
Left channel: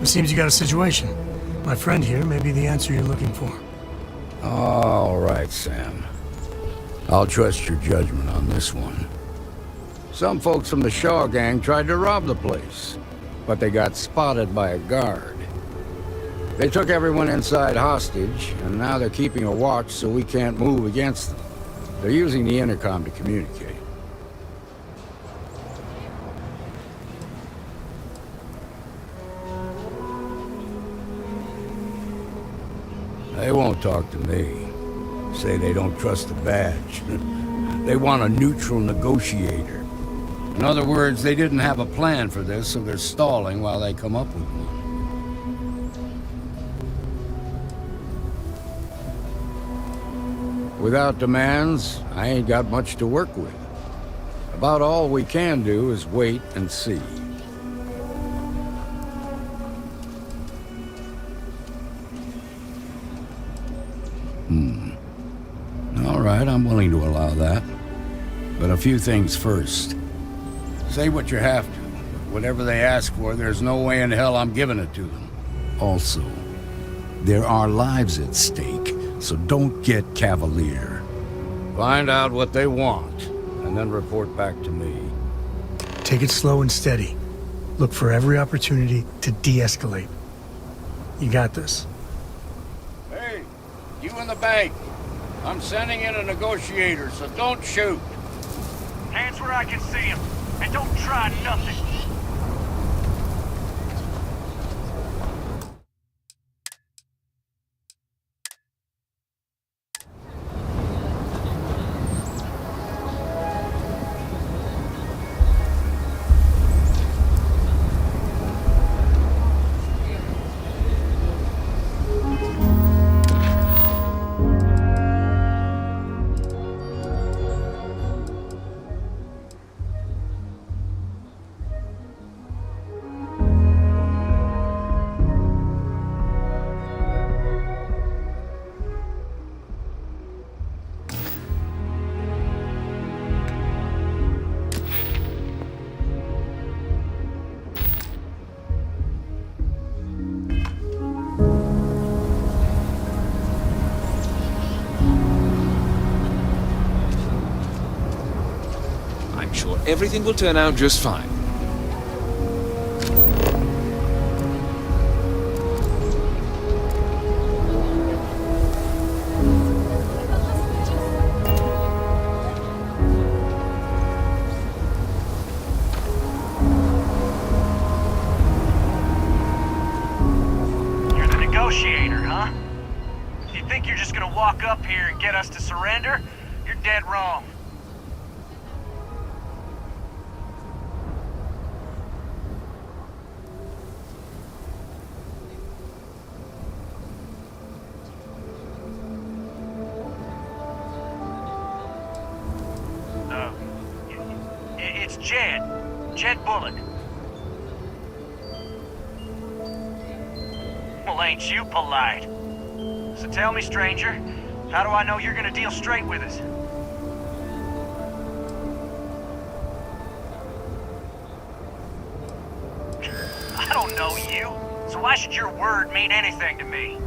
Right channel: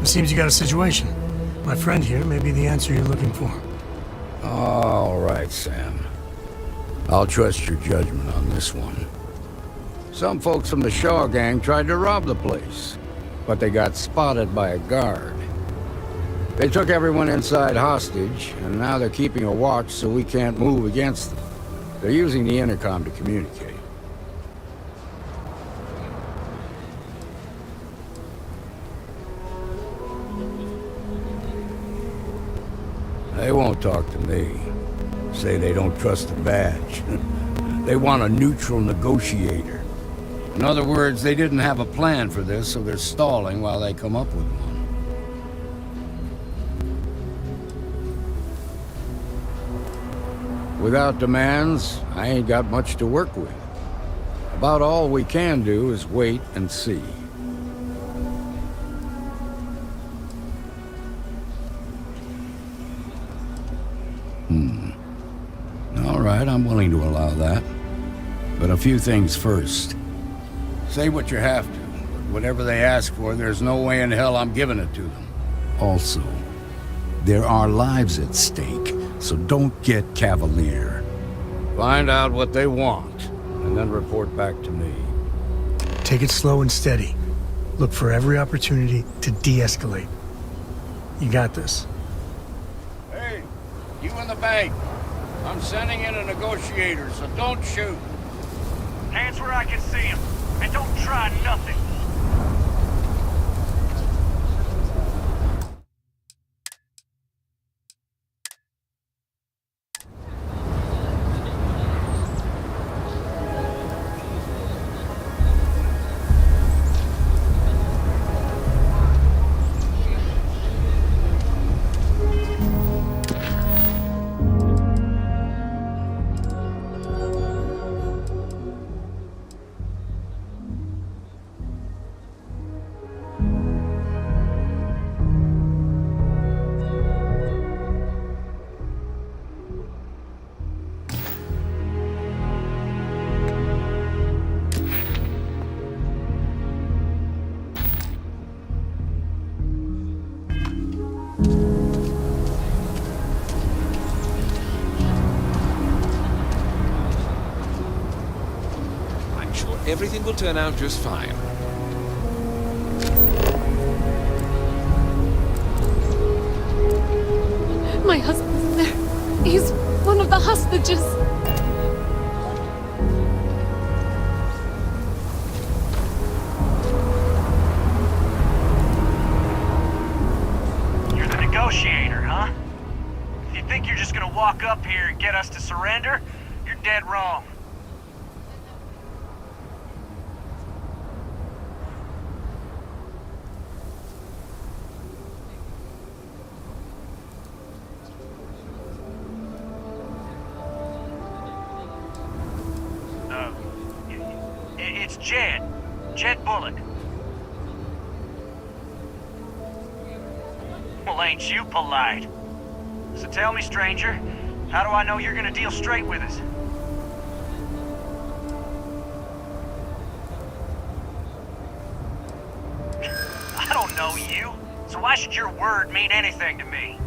It seems you got a situation. My friend here may be the answer you're looking for. All right, Sam. I'll trust your judgment on this one. Some folks from the Shaw gang tried to rob the place, but they got spotted by a guard. They took everyone inside hostage, and now they're keeping a watch so we can't move against them. They're using the intercom to communicate. They won't talk to me. Say they don't trust the badge. They want a neutral negotiator. In other words, they didn't have a plan for this, so they're stalling while they come up with one. Without demands, I ain't got much to work with. About all we can do is wait and see. All right, I'm willing to allow that. But a few things first. Say what you have to, but whatever they ask for, there's no way in hell I'm giving it to them. Also, there are lives at stake, so don't get cavalier. Find out what they want, and then report back to me. Take it slow and steady. Look for every opportunity to de-escalate. You got this. Hey, you in the bank. I'm sending in a negotiator, so don't shoot. Hands where I can see him, and don't try nothing. I'm sure everything will turn out just fine. My husband's there. He's one of the hostages. You're the negotiator, huh? If you think you're just gonna walk up here and get us to surrender, you're dead wrong. It's Jed. Jed Bullock. Well, ain't you polite? So tell me, stranger, how do I know you're gonna deal straight with us? I don't know you, so why should your word mean anything to me?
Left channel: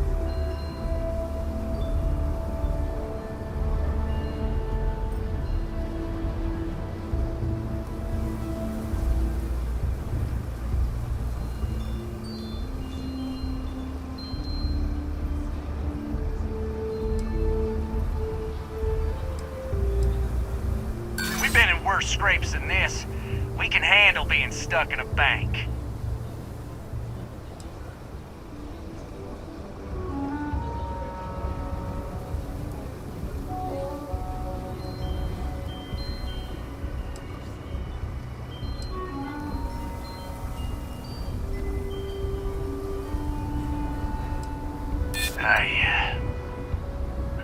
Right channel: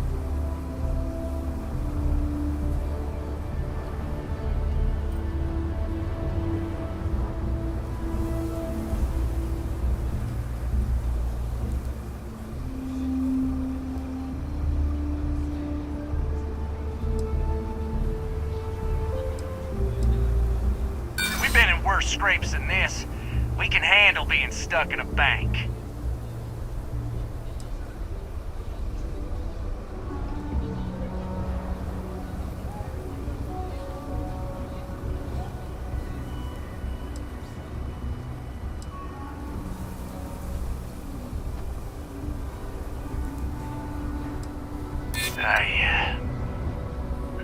Worse scrapes than this. We can handle being stuck in a bank.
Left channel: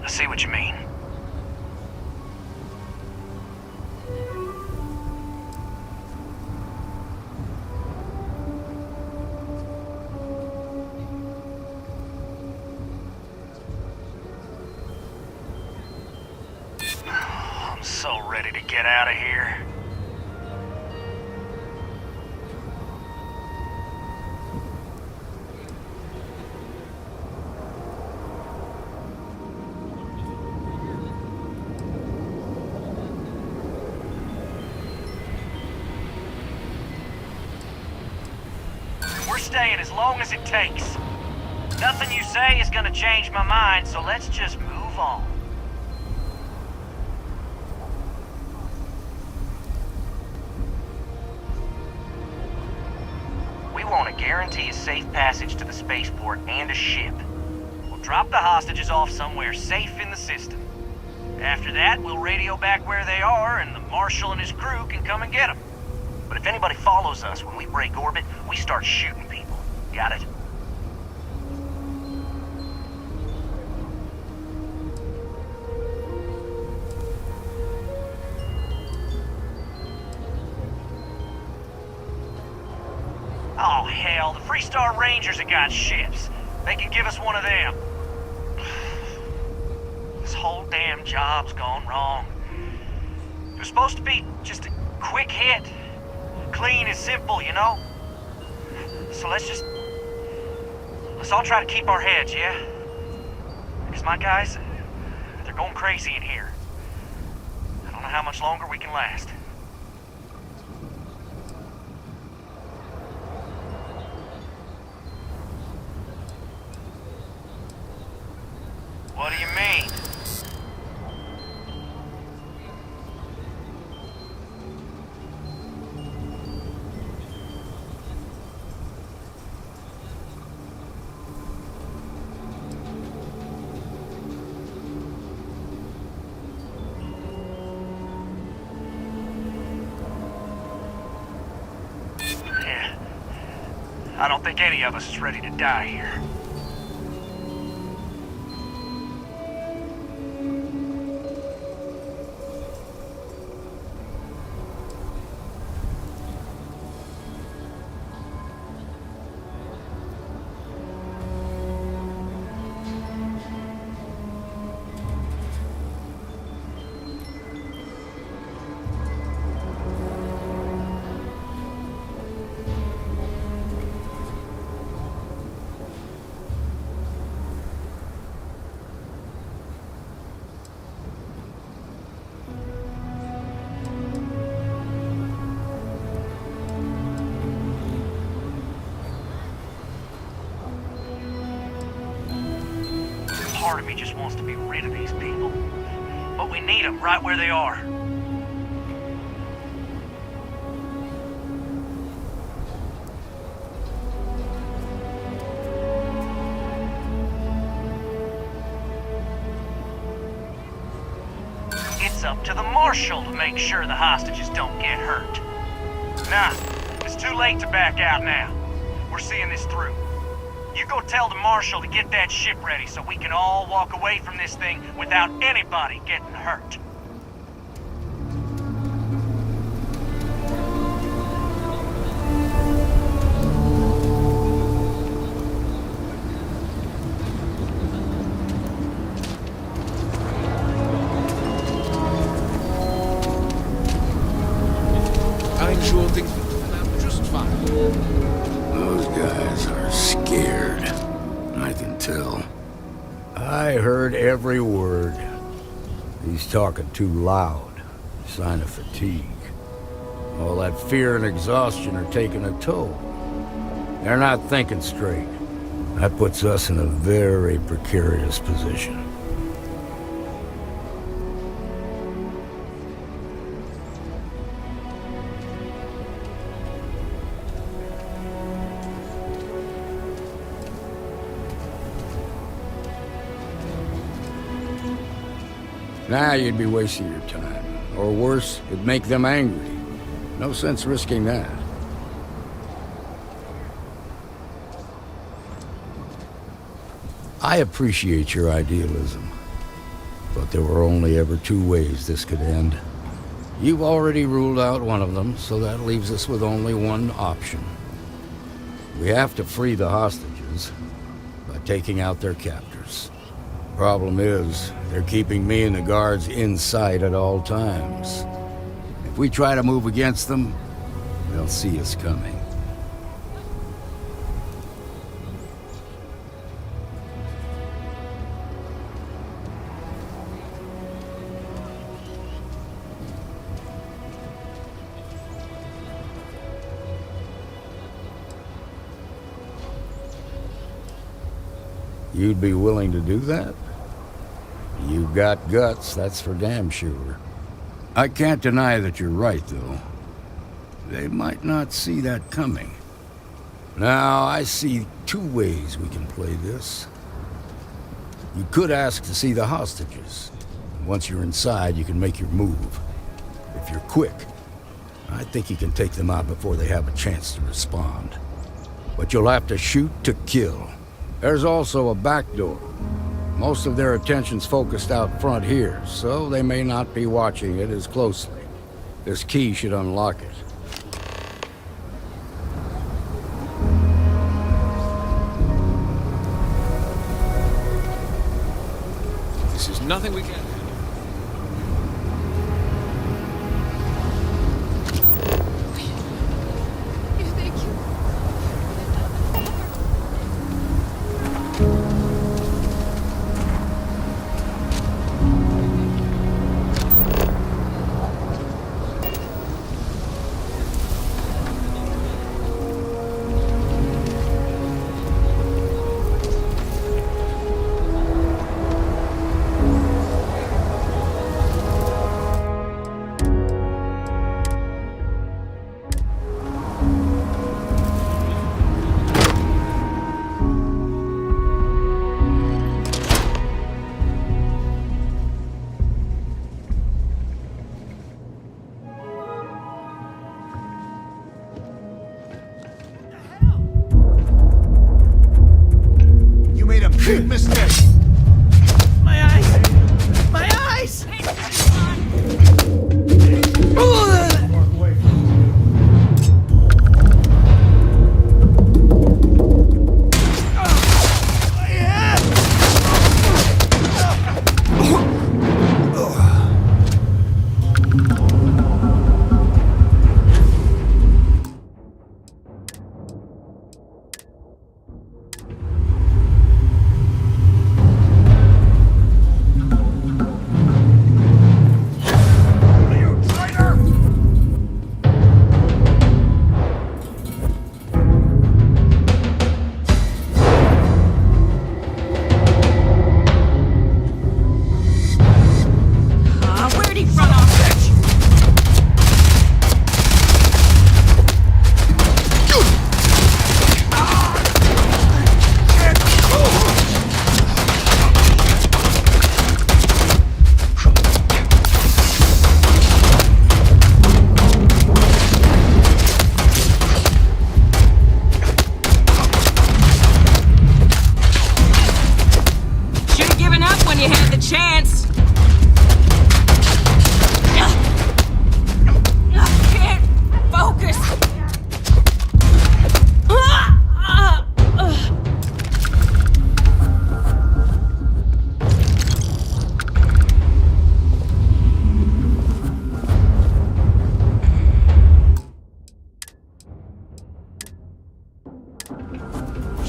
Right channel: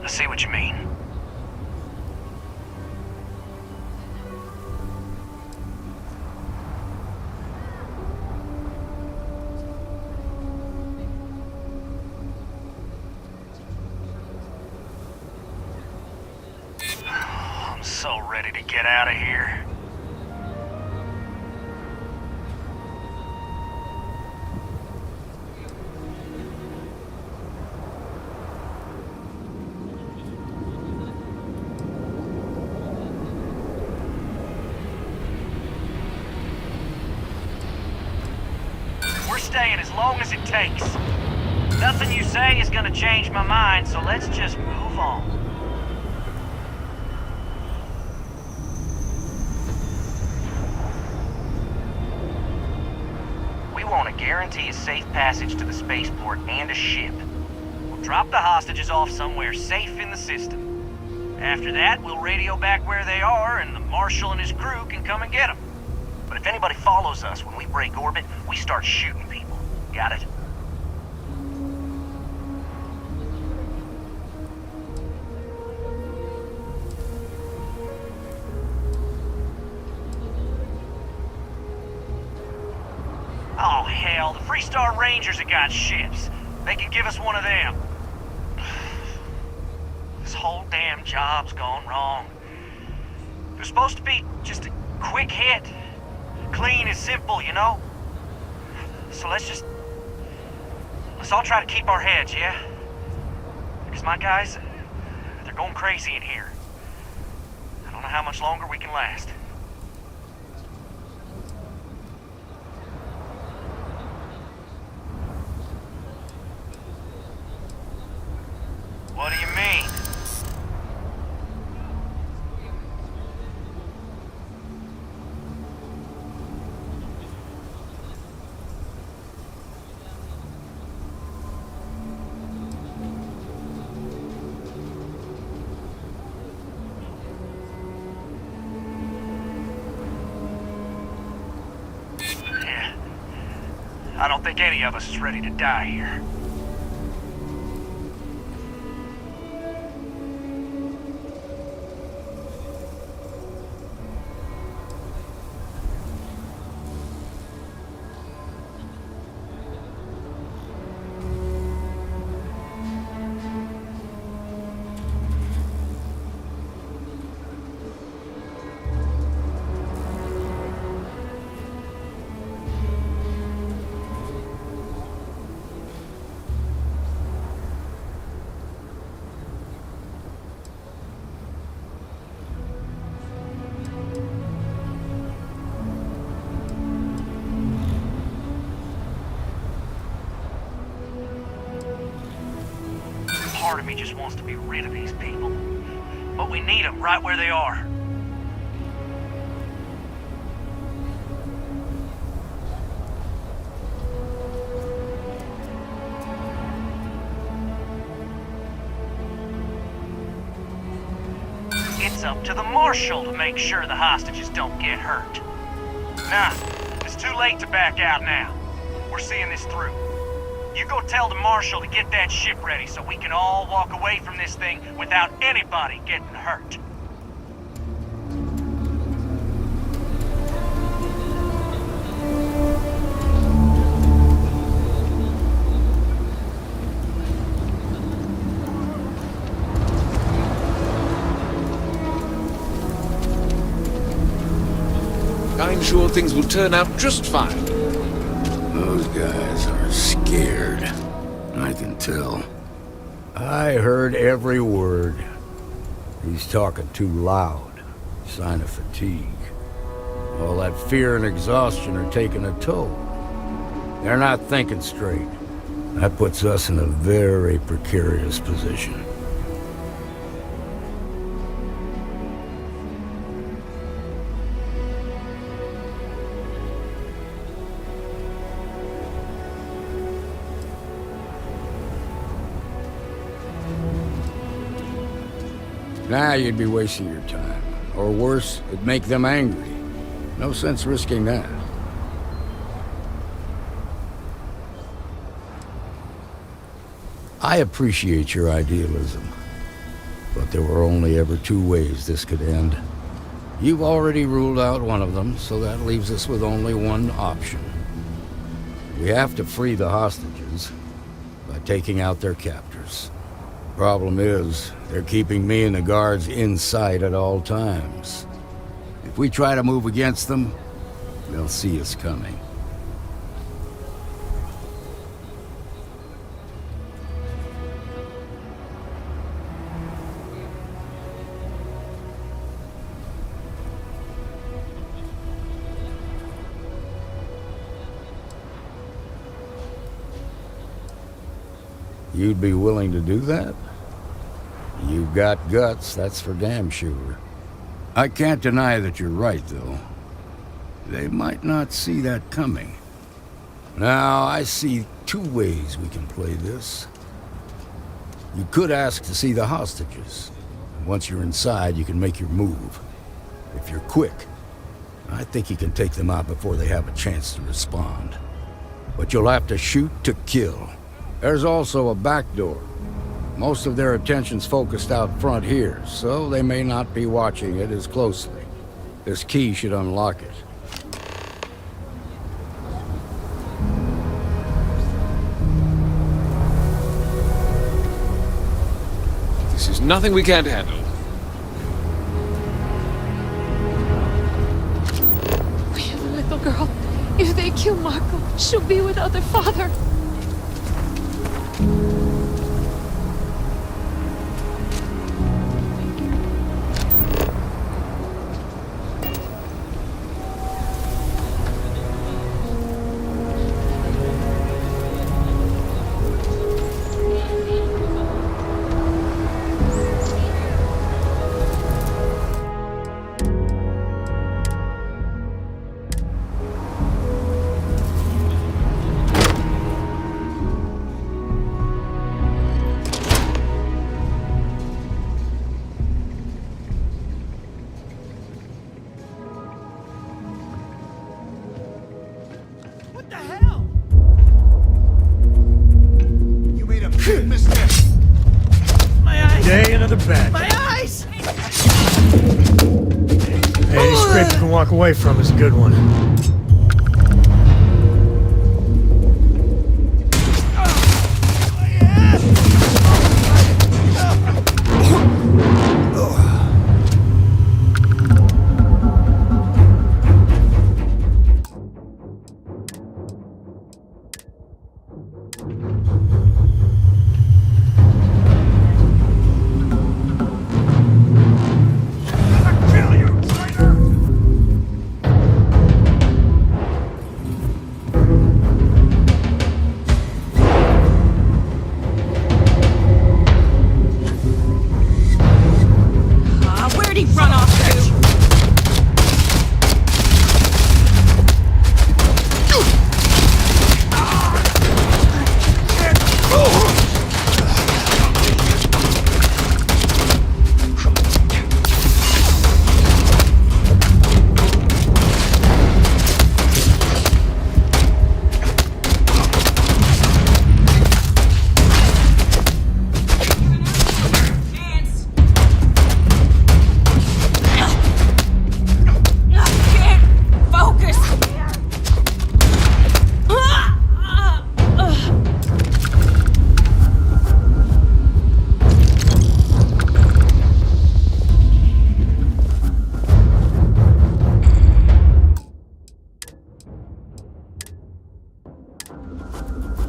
I see what you mean. ready to get out of here? We're staying as long as it takes. Nothing you say is gonna change my mind, so let's just move on. We want to guarantee a safe passage to the spaceport and a ship. We'll drop the hostages off somewhere safe in the system. After that, we'll radio back where they are, and the Marshal and his crew can come and get them. But if anybody follows us when we break orbit, we start shooting people. Got it? Oh, hell, the Freestar Rangers have got ships. They can give us one of them. This whole damn job's gone wrong. It was supposed to be just a quick hit. Clean and simple, you know? So let's all try to keep our heads, yeah? Because my guys, they're going crazy in here. I don't know how much longer we can last. What do you mean? Yeah. I don't think any of us is ready to die here. Part of me just wants to be rid of these people. But we need them right where they are. It's up to the Marshal to make sure the hostages don't get hurt. Nah, it's too late to back out now. We're seeing this through. You go tell the Marshal to get that ship ready so we can all walk away from this thing without anybody getting hurt. I'm sure things will turn out just fine. Those guys are scared. I can tell. I heard every word. He's talking too loud. Sign of fatigue. All that fear and exhaustion are taking a toll. They're not thinking straight. That puts us in a very precarious position. Nah, you'd be wasting your time. Or worse, it'd make them angry. No sense risking that. I appreciate your idealism, but there were only ever two ways this could end. You've already ruled out one of them, so that leaves us with only one option. We have to free the hostages by taking out their captors. Problem is, they're keeping me and the guards inside at all times. If we try to move against them, they'll see us coming. You'd be willing to do that? You've got guts, that's for damn sure. I can't deny that you're right, though. They might not see that coming. Now, I see two ways we can play this. You could ask to see the hostages. And once you're inside, you can make your move. If you're quick, I think you can take them out before they have a chance to respond. But you'll have to shoot to kill. There's also a back door. Most of their attention's focused out front here, so they may not be watching it as closely. This key should unlock it. This is nothing we can't handle. We have a little girl. If they kill Marco, she'll be without their father. Big mistake. My eyes! Day into the bed. My eyes! Hey, to walk away from is a good one.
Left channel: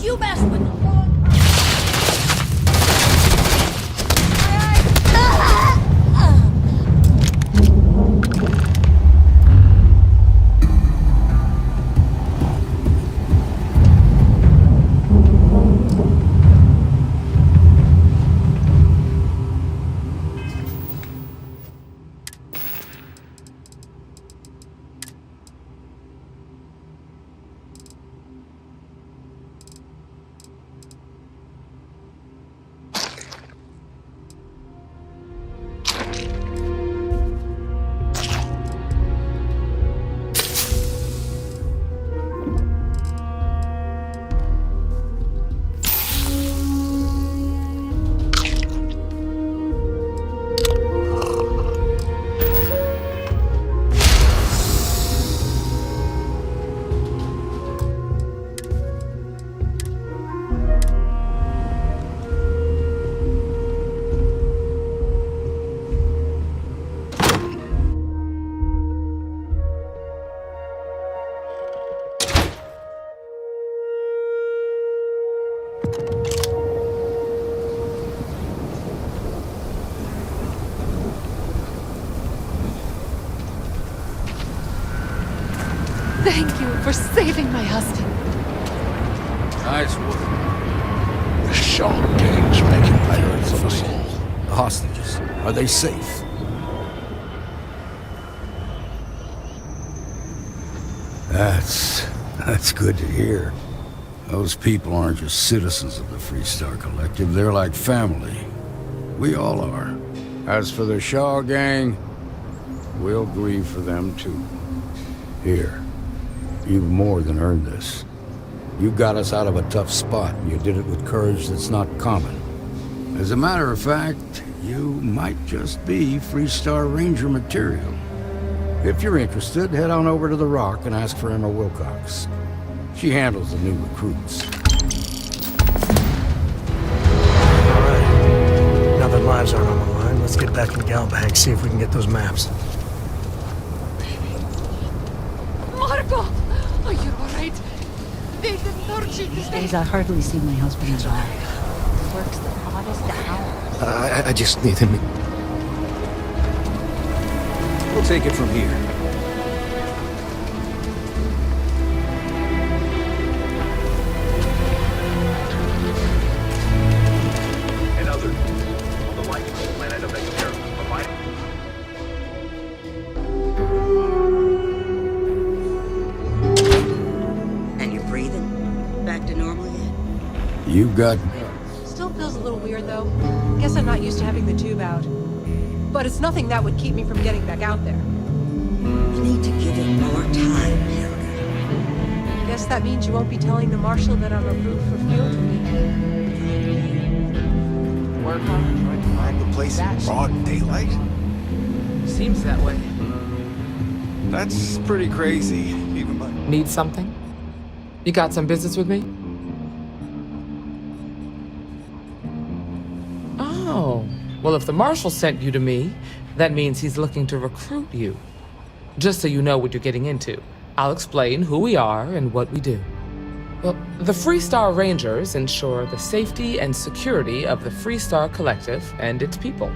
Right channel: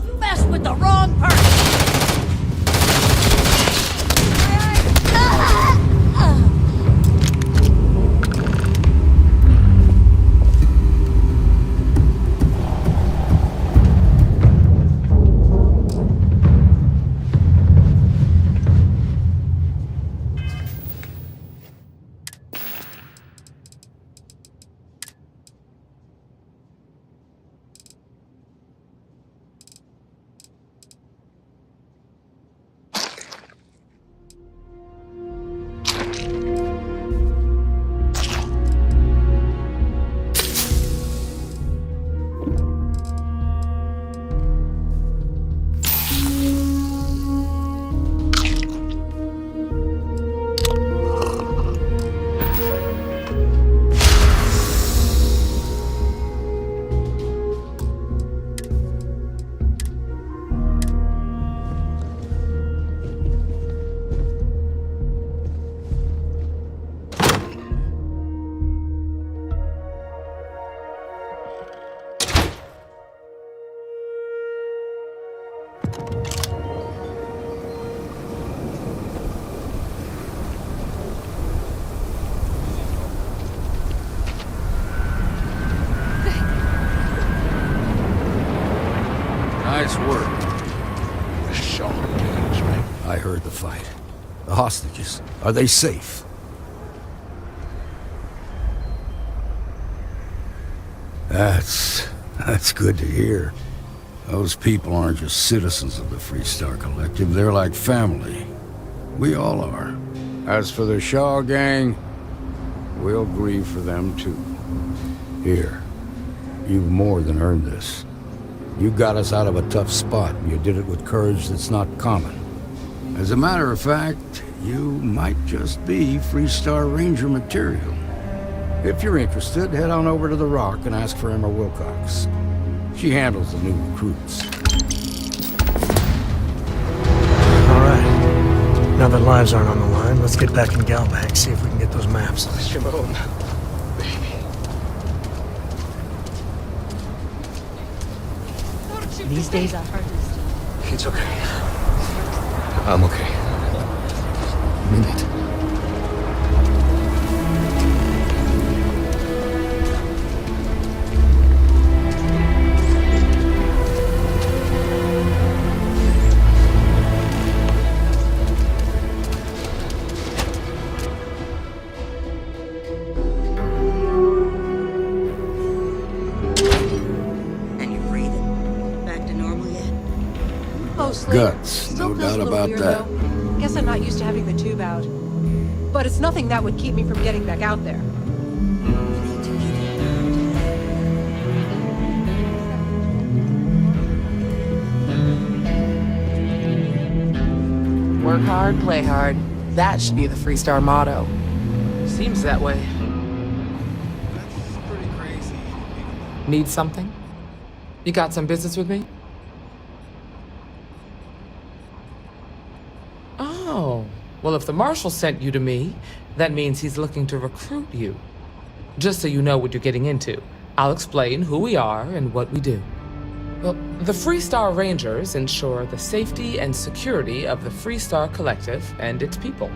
You messed with the wrong person! Nice work. The Shaw gang's making... I heard the fight. The hostages, are they safe? That's good to hear. Those people aren't just citizens of the Freestar Collective, they're like family. We all are. As for the Shaw gang, we'll grieve for them too. Here, you've more than earned this. You got us out of a tough spot, and you did it with courage that's not common. As a matter of fact, you might just be Freestar Ranger material. If you're interested, head on over to the Rock and ask for Emma Wilcox. She handles the new recruits. All right. Now that lives aren't on the line, let's get back in Galbank, see if we can get those maps. Marco! Are you alright? They didn't hurt you, These did they? days I hardly see my husband. It's okay. He works there. I'm okay. I just need a minute. We'll take it from here. And you're breathing? Back to normal yet? You've got Mostly. guts. Still No feels a doubt little about weird, that. though. Guess I'm not used to having the tube out. But it's nothing that would keep me from getting back out there. You need to give it more time. I guess that means you won't be telling the Marshal that I'm removed from Work hard, play hard. That should be the Freestar motto. Seems that way. That's pretty crazy. Need something? You got some business with me? Oh, well, if the Marshal sent you to me, that means he's looking to recruit you. Just so you know what you're getting into, I'll explain who we are and what we do. Well, the Freestar Rangers ensure the safety and security of the Freestar Collective and its people.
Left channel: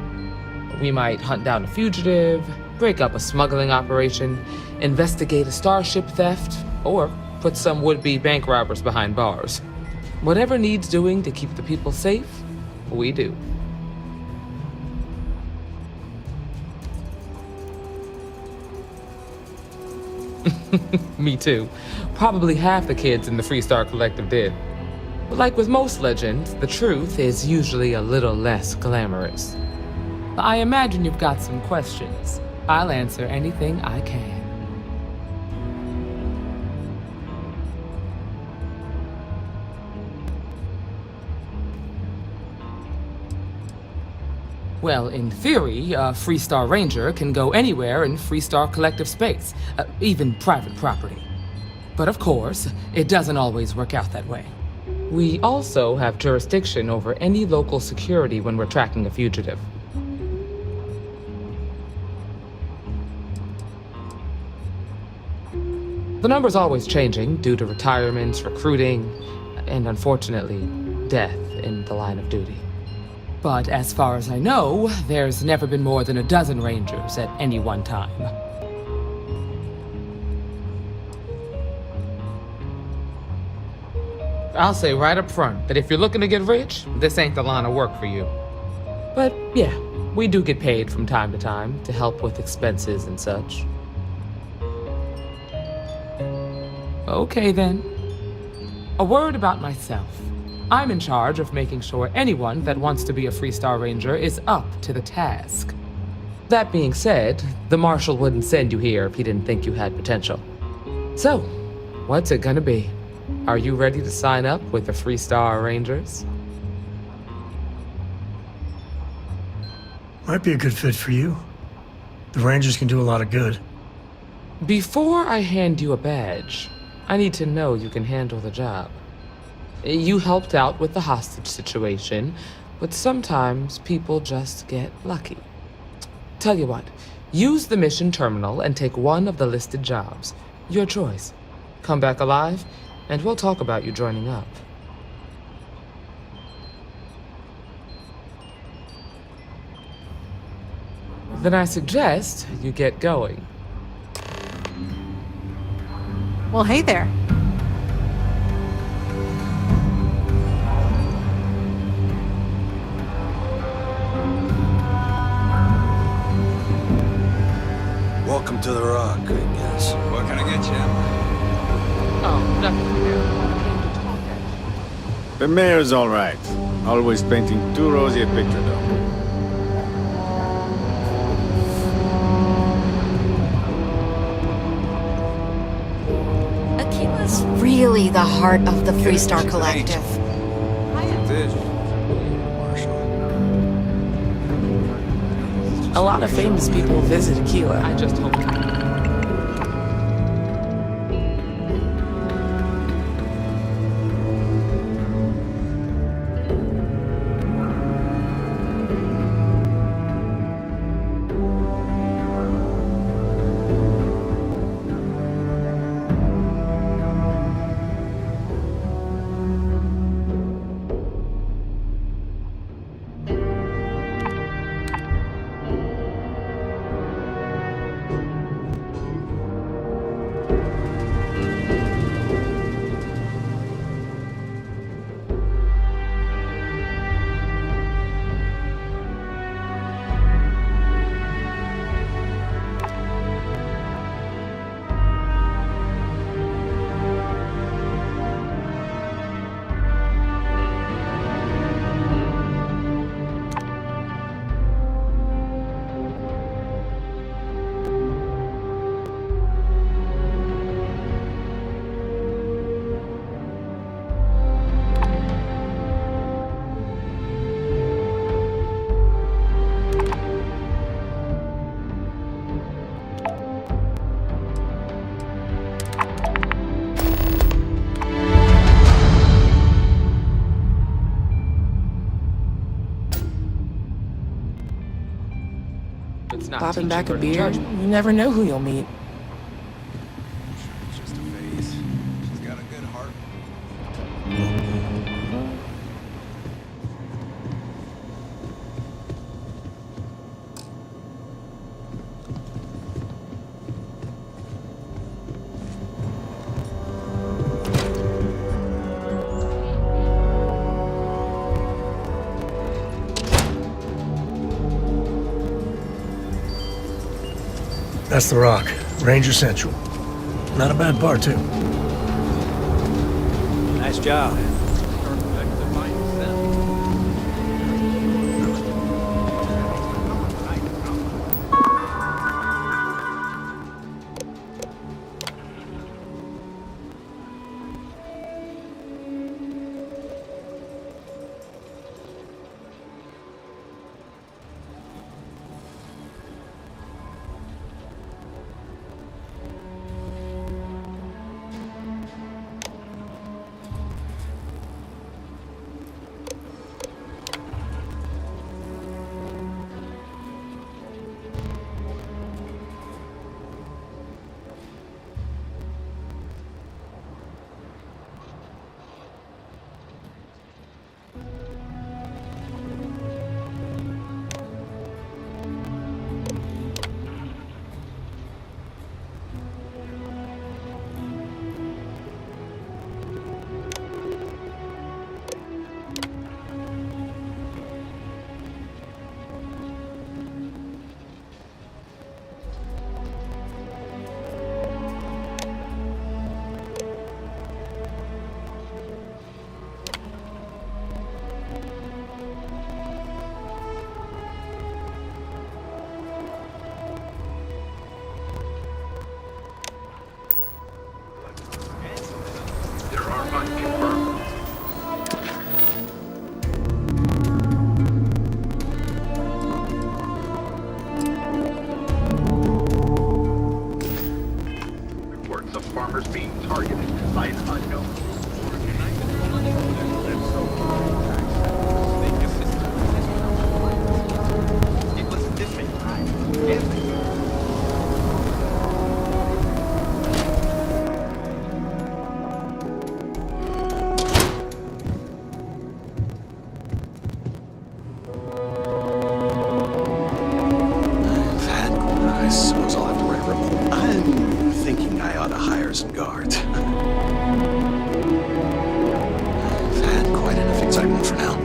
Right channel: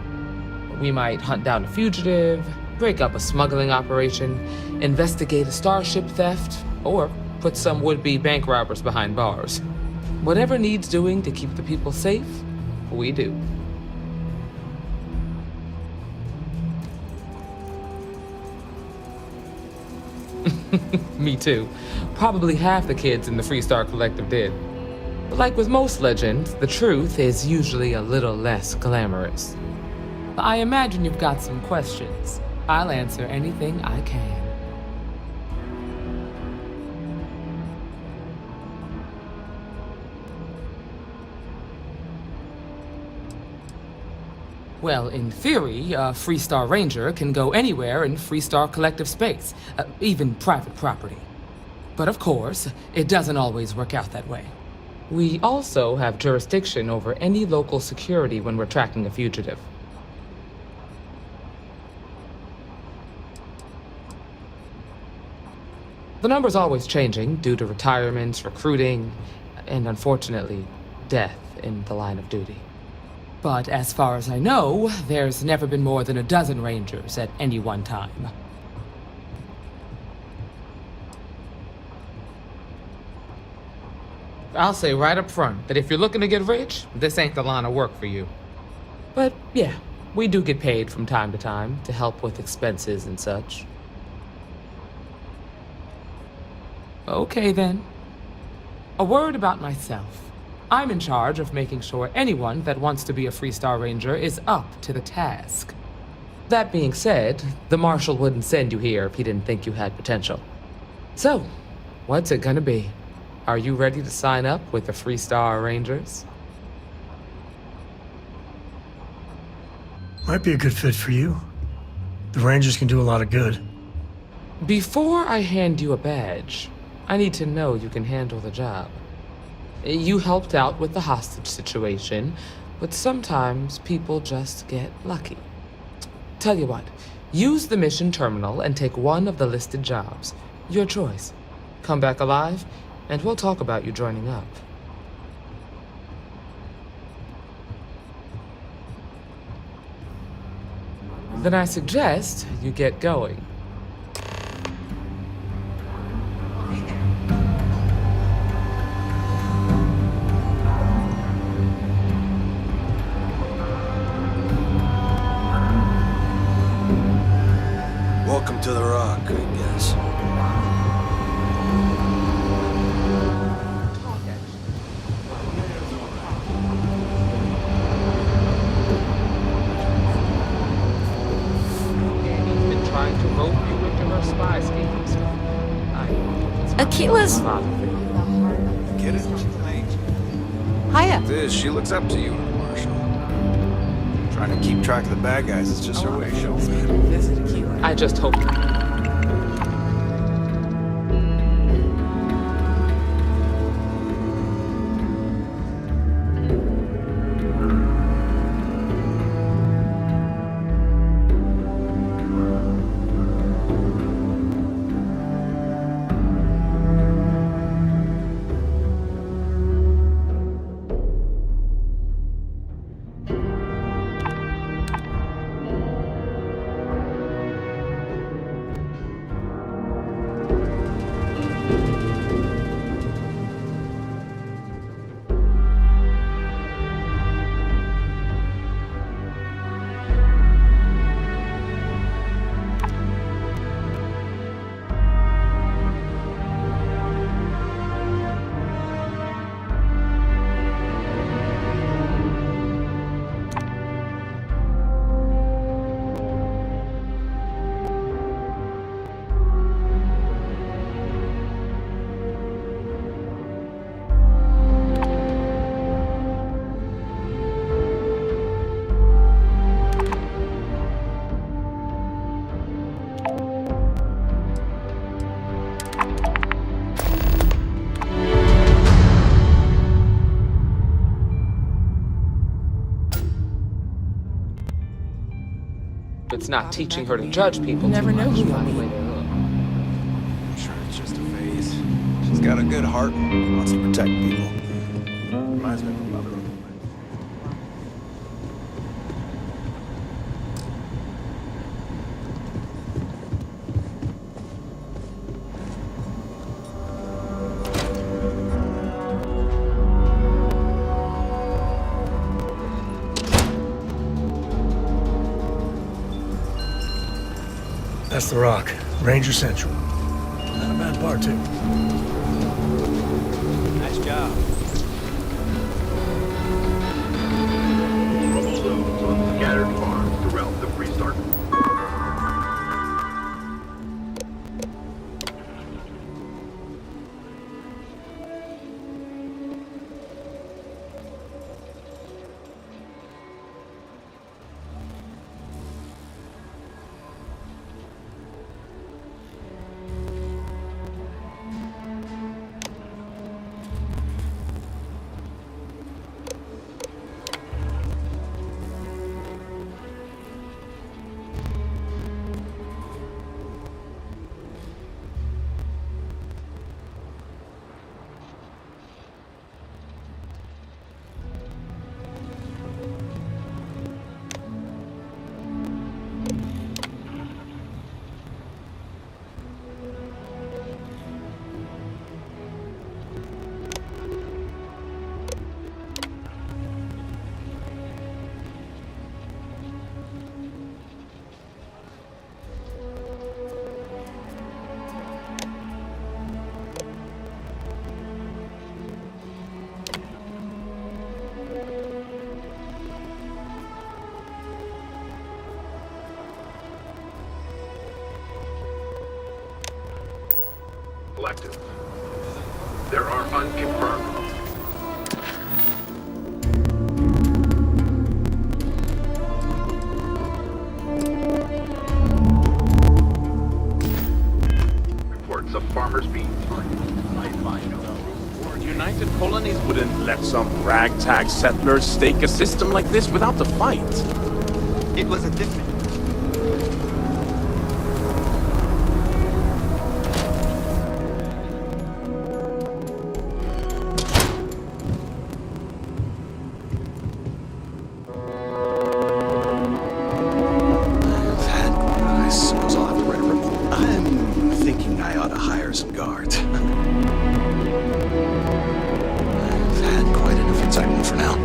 We might hunt down a fugitive, break up a smuggling operation, investigate a starship theft, or put some would-be bank robbers behind bars. Whatever needs doing to keep the people safe, we do. Me too. Probably half the kids in the Freestar Collective did. But like with most legends, the truth is usually a little less glamorous. I imagine you've got some questions. I'll answer anything I can. Well, in theory, a Freestar Ranger can go anywhere in Freestar Collective space, even private property. But of course, it doesn't always work out that way. We also have jurisdiction over any local security when we're tracking a fugitive. The number's always changing due to retirements, recruiting, and unfortunately, death in the line of duty. But as far as I know, there's never been more than a dozen Rangers at any one time. I'll say right up front that if you're looking to get rich, this ain't the line of work for you. But yeah, we do get paid from time to time to help with expenses and such. Okay then. A word about myself. I'm in charge of making sure anyone that wants to be a Freestar Ranger is up to the task. That being said, the Marshal wouldn't send you here if he didn't think you had potential. So, what's it gonna be? Are you ready to sign up with the Freestar Rangers? Might be a good fit for you. The Rangers can do a lot of good. Before I hand you a badge, I need to know you can handle the job. You helped out with the hostage situation, but sometimes people just get lucky. Tell you what, use the mission terminal and take one of the listed jobs. Your choice. Come back alive, and we'll talk about you joining up. Then I suggest you get going. Well, hey there. to the rock, I guess. What can I get you? The mayor's all right. Always painting too rosy a picture. Aquila's really the heart of the Freestar Collective. Hiya. This, she looks up to you, Marshal. Trying to keep track of the bad guys is just A lot of famous people visit Aquila. I just hope. It's not Popping teaching back her a to beer. judge people. You never know who you'll meet. I'm sure it's just a phase. She's got a good heart and wants to protect people. Reminds me of my mother. That's the rock. Ranger Central. Not a bad part, too. Nice job. There are unconfirmed. Reports of farmers being targeted by no. Or United Colonies wouldn't let some ragtag settlers stake a system like this without a fight. It was a different time. I suppose I'll have to write a report. I'm thinking I ought to hire some guards. I've had quite enough excitement for now.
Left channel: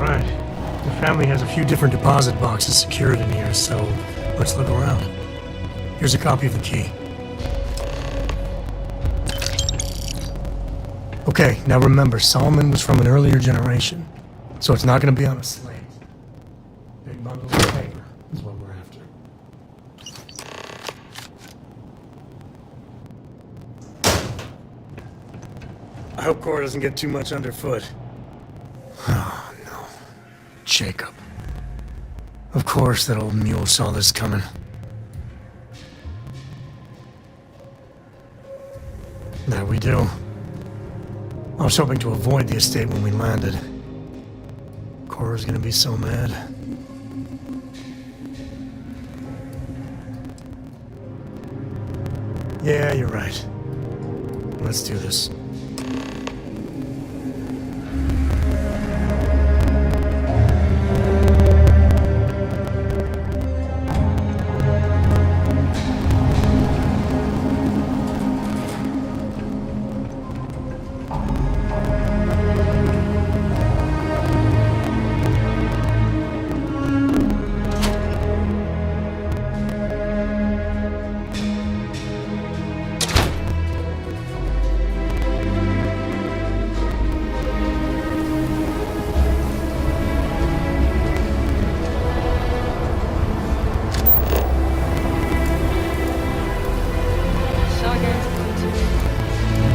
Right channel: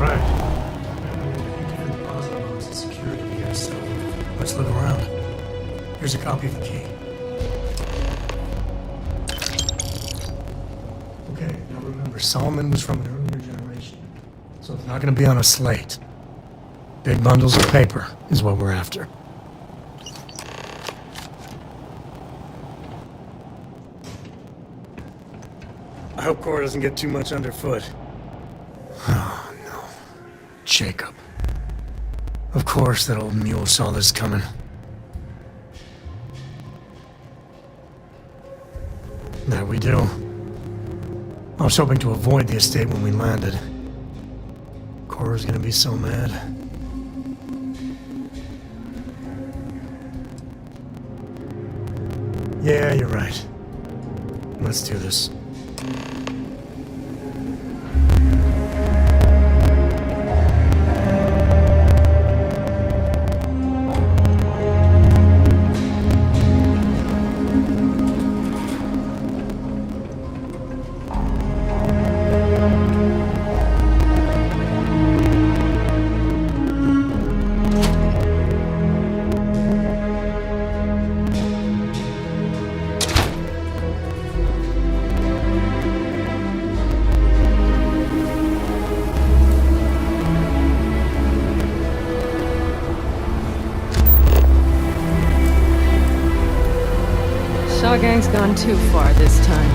Right. The family has a few different deposit boxes secured in here, so let's look around. Here's a copy of the key. Okay, now remember, Solomon was from an earlier generation, so it's not going to be on a slate. Big bundles of paper is what we're after. I hope Cora doesn't get too much underfoot. Oh, no. Jacob. Of course that old mule saw this coming. There we do. I was hoping to avoid the estate when we landed. Cora's gonna be so mad. Yeah, you're right. Let's do this. Shaw Gang's gone too far this time.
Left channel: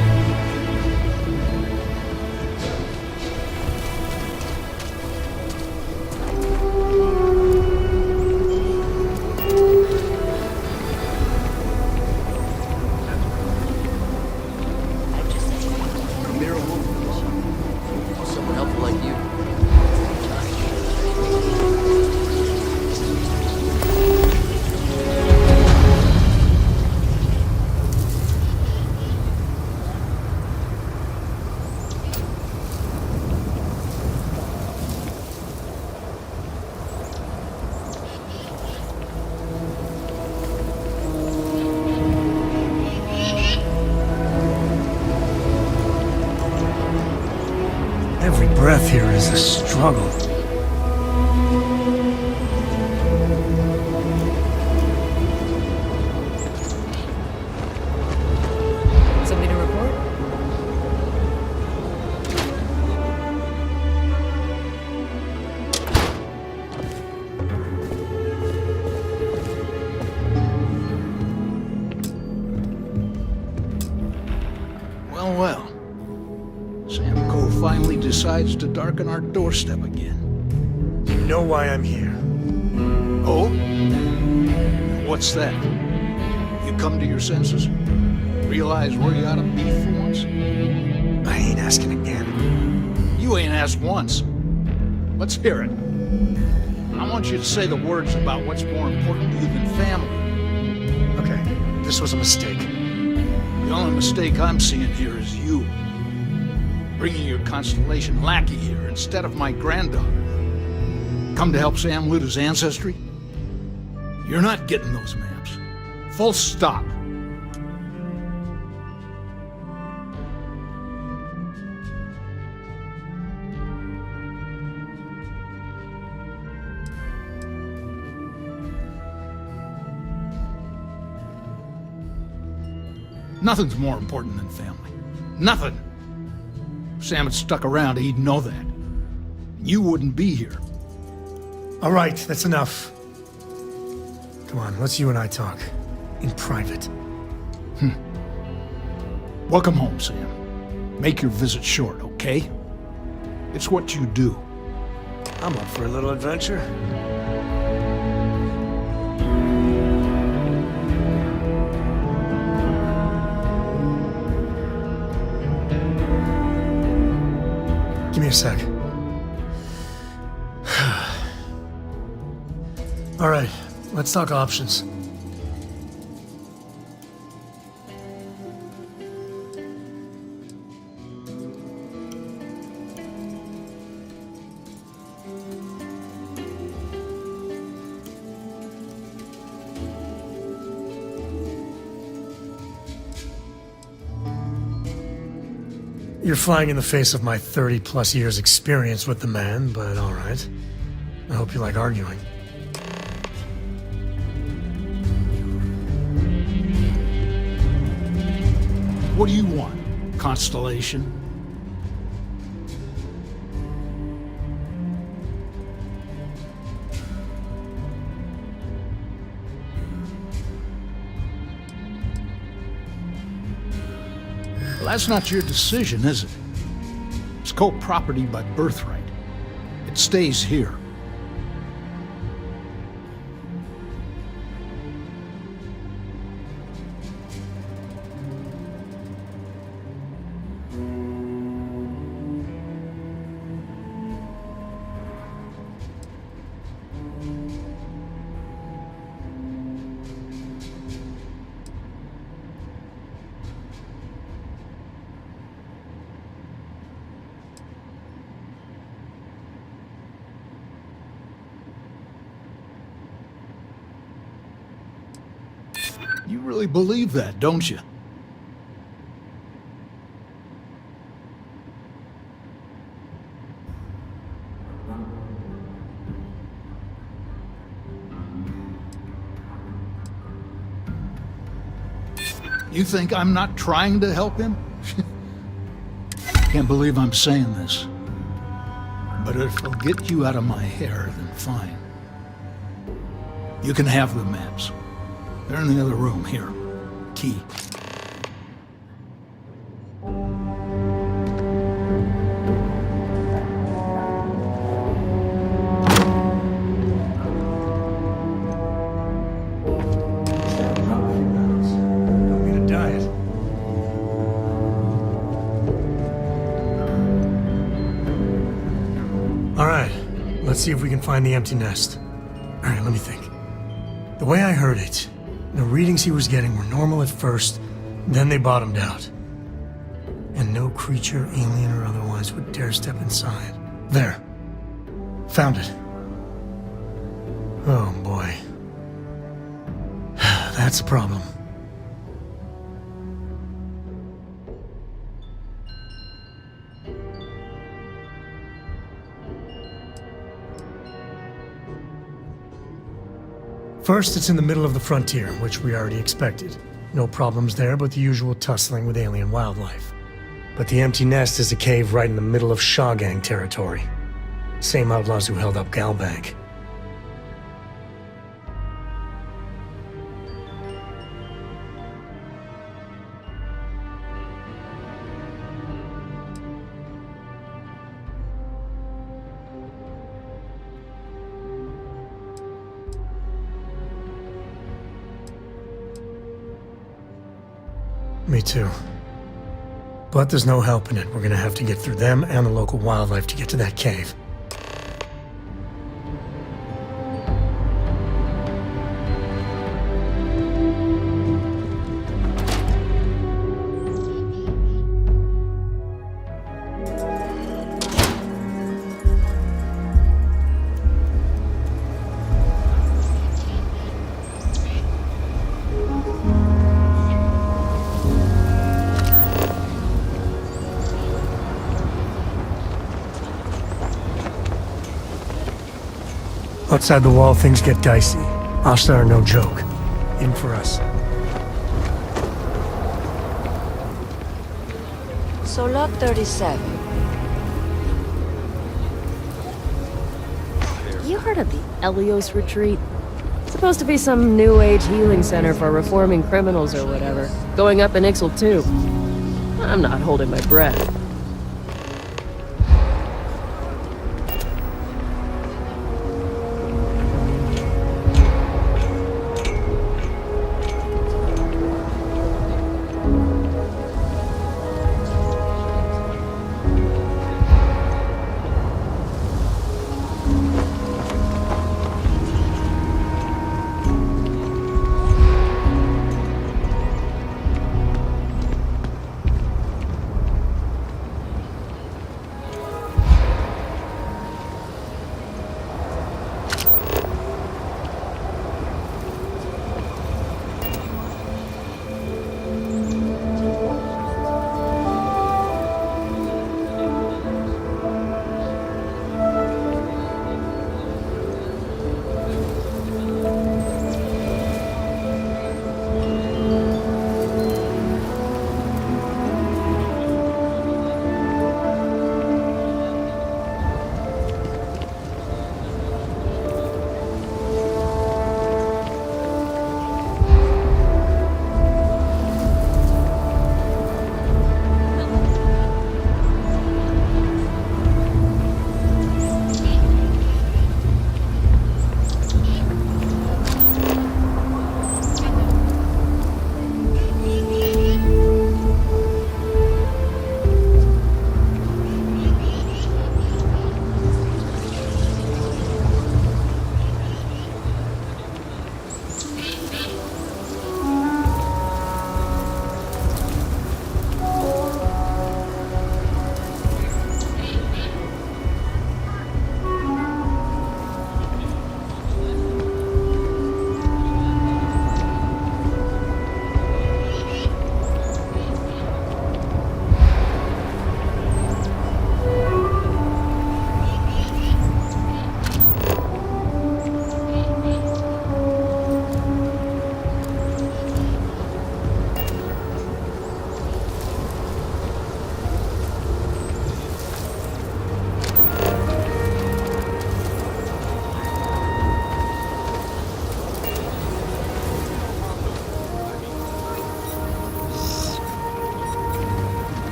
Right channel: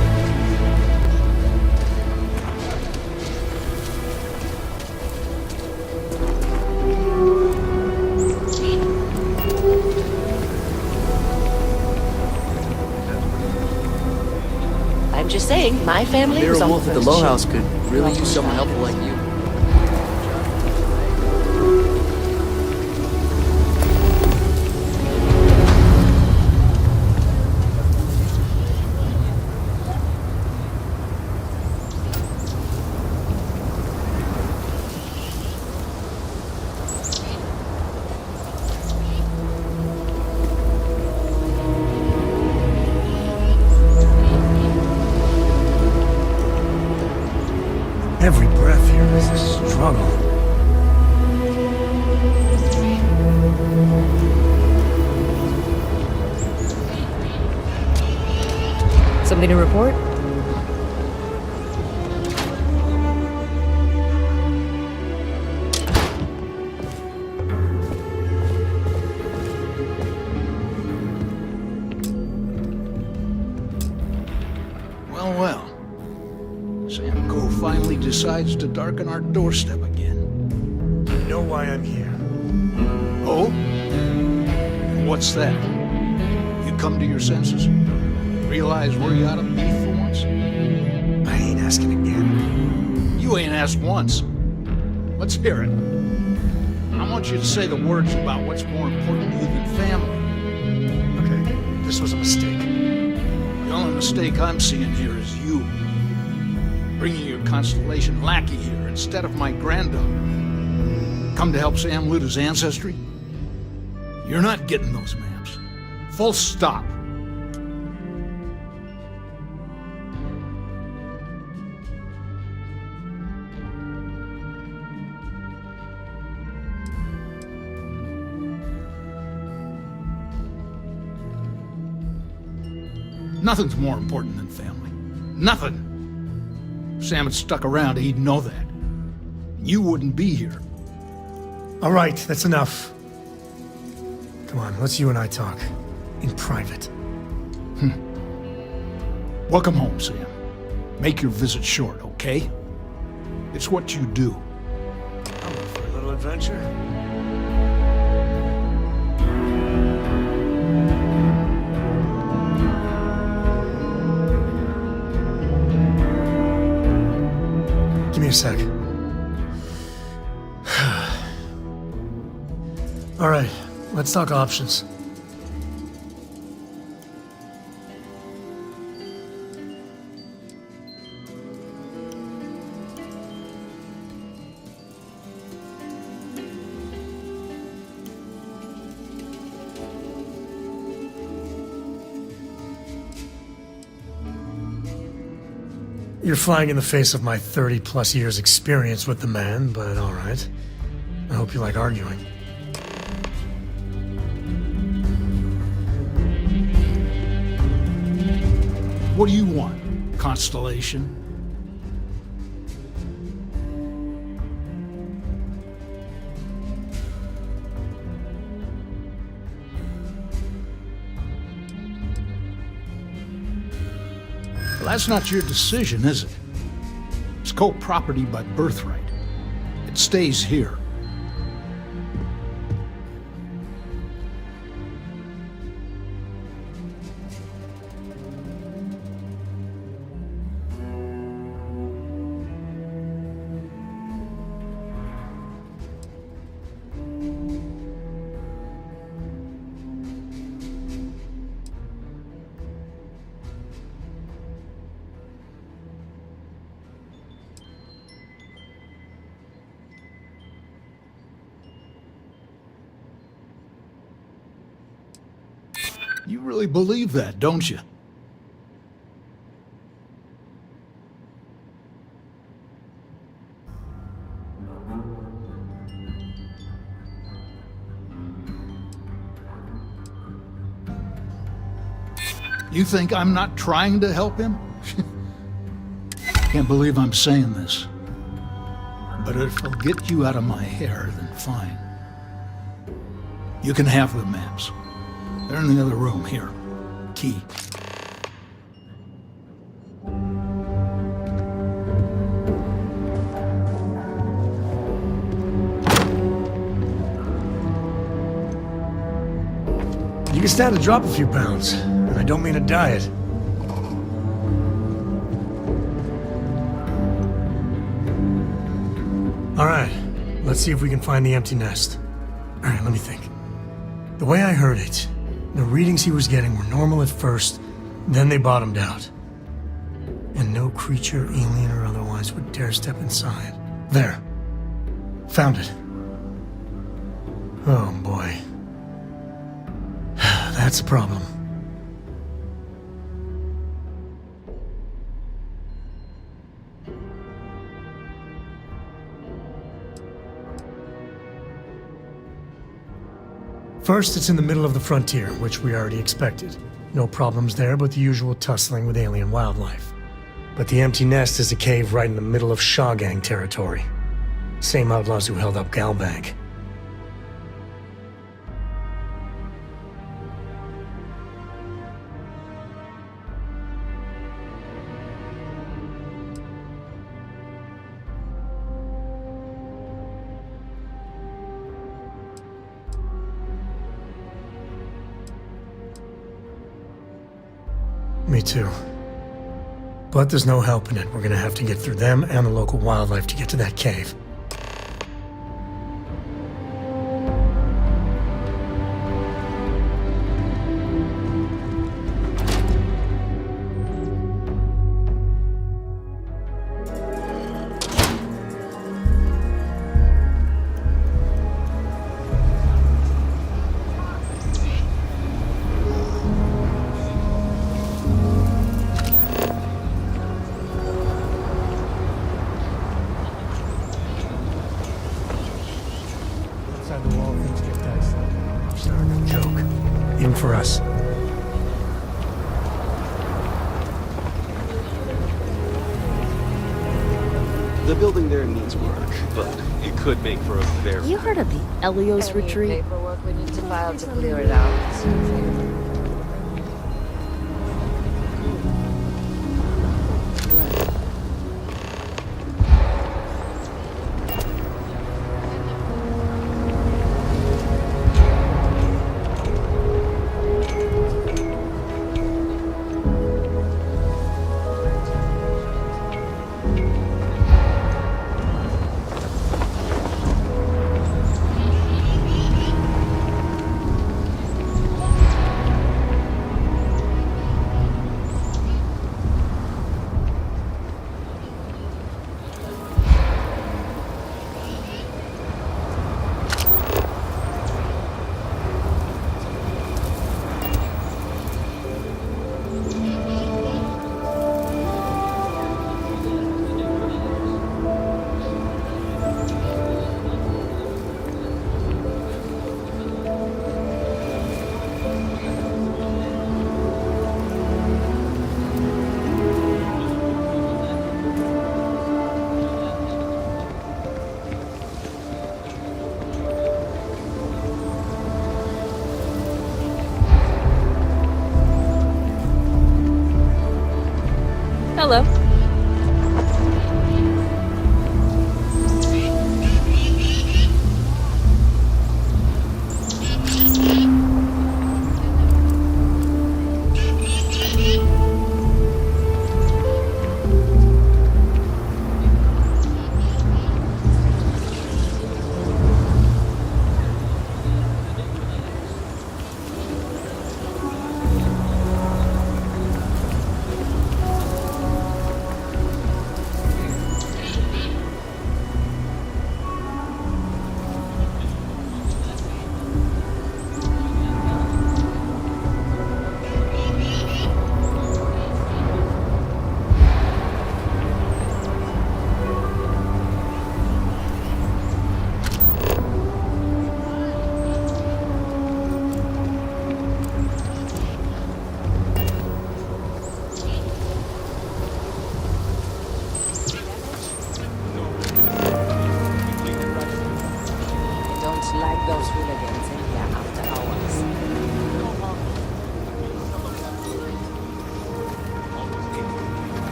I'm just saying, my family Amira was on Wolf at the first Low ship. House could really use someone helpful like you. Every breath here is a struggle. Something to report? Well, well. Sam Coe finally decides to darken our doorstep again. You know why I'm here. Oh? And what's that? You come to your senses? Realize where you ought to be for once? I ain't asking again. You ain't asked once. Let's hear it. I want you to say the words about what's more important to you than family. Okay, this was a mistake. The only mistake I'm seeing here is you. Bringing your Constellation lackey here instead of my granddaughter. Come to help Sam loot his ancestry? You're not getting those maps. Full stop. Nothing's more important than family. Nothing. If Sam had stuck around, he'd know that. You wouldn't be here. All right, that's enough. Come on, let's you and I talk. In private. Welcome home, Sam. Make your visit short, okay? It's what you do. I'm up for a little adventure. Give me a sec. All right, let's talk options. You're flying in the face of my 30-plus years experience with the man, but all right. I hope you like arguing. What do you want, Constellation? Well, that's not your decision, is it? It's co-property by birthright. It stays here. You really believe that, don't you? You think I'm not trying to help him? Can't believe I'm saying this. But if it'll get you out of my hair, then fine. You can have the maps. They're in the other room, here. Key. You can stand to drop a few pounds, and I don't mean a diet. All right, let's see if we can find the empty nest. All right, let me think. The way I heard it, the readings he was getting were normal at first, then they bottomed out. And no creature, alien or otherwise, would dare step inside. There. Found it. Oh boy. That's a problem. First, it's in the middle of the frontier, which we already expected. No problems there, but the usual tussling with alien wildlife. But the empty nest is a cave right in the middle of Shaw Gang territory. Same outlaws who held up Galbank. Me too. But there's no helping it. We're gonna have to get through them and the local wildlife to get to that cave. Outside the wall, things get dicey. Ashtar are no joke. In for us. So Lot 37. The building there needs work, but It could make for a very... You heard of the Elios Retreat? It's supposed to be some new age healing center for reforming criminals or whatever. Going up in Ixel too. I'm not holding my breath.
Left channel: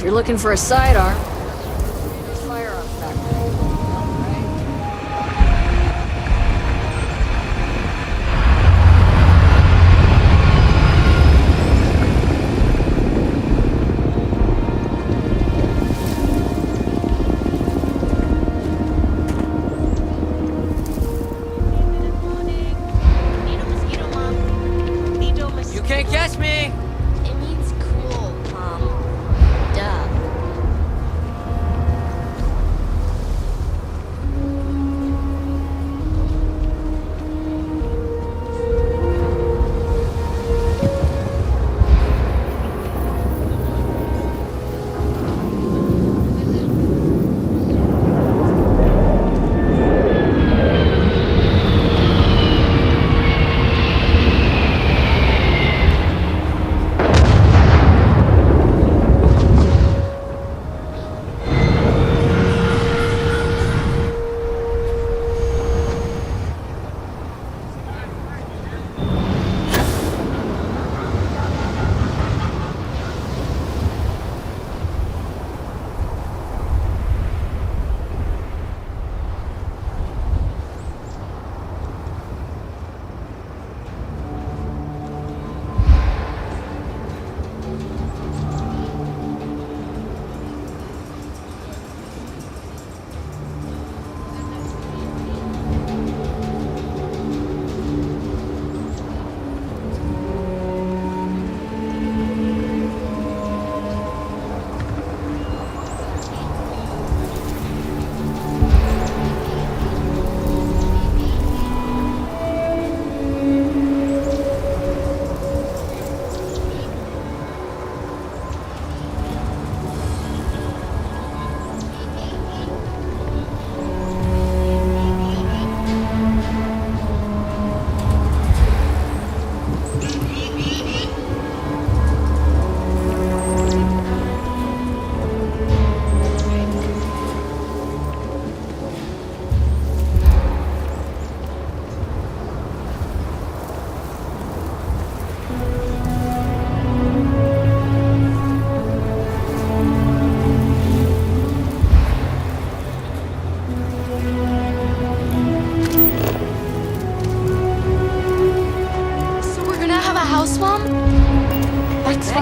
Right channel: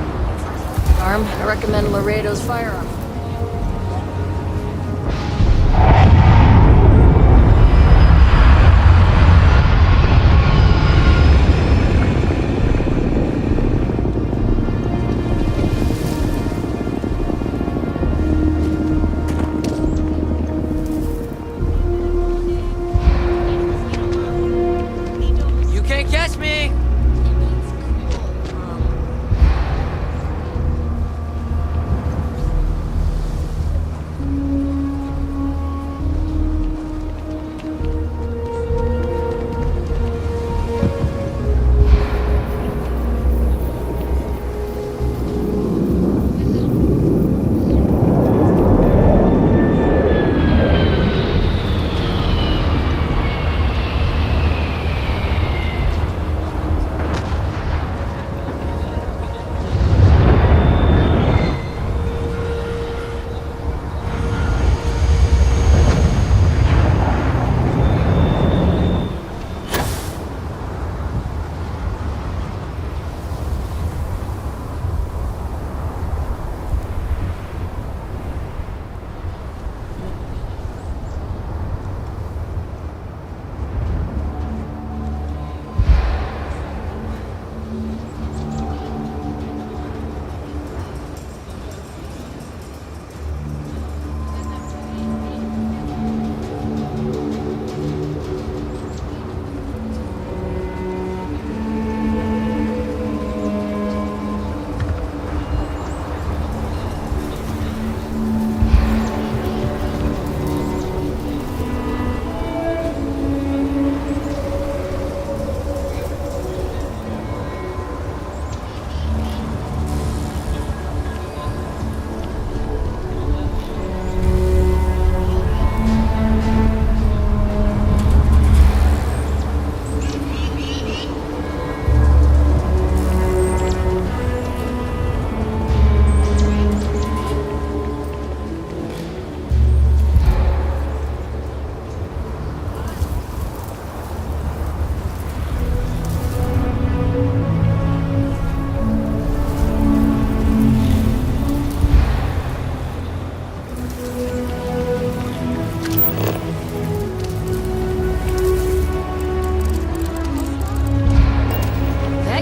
If you're looking for a sidearm, I recommend Laredo's firearm factory. You can't catch me! It means cool, Mom. Duh.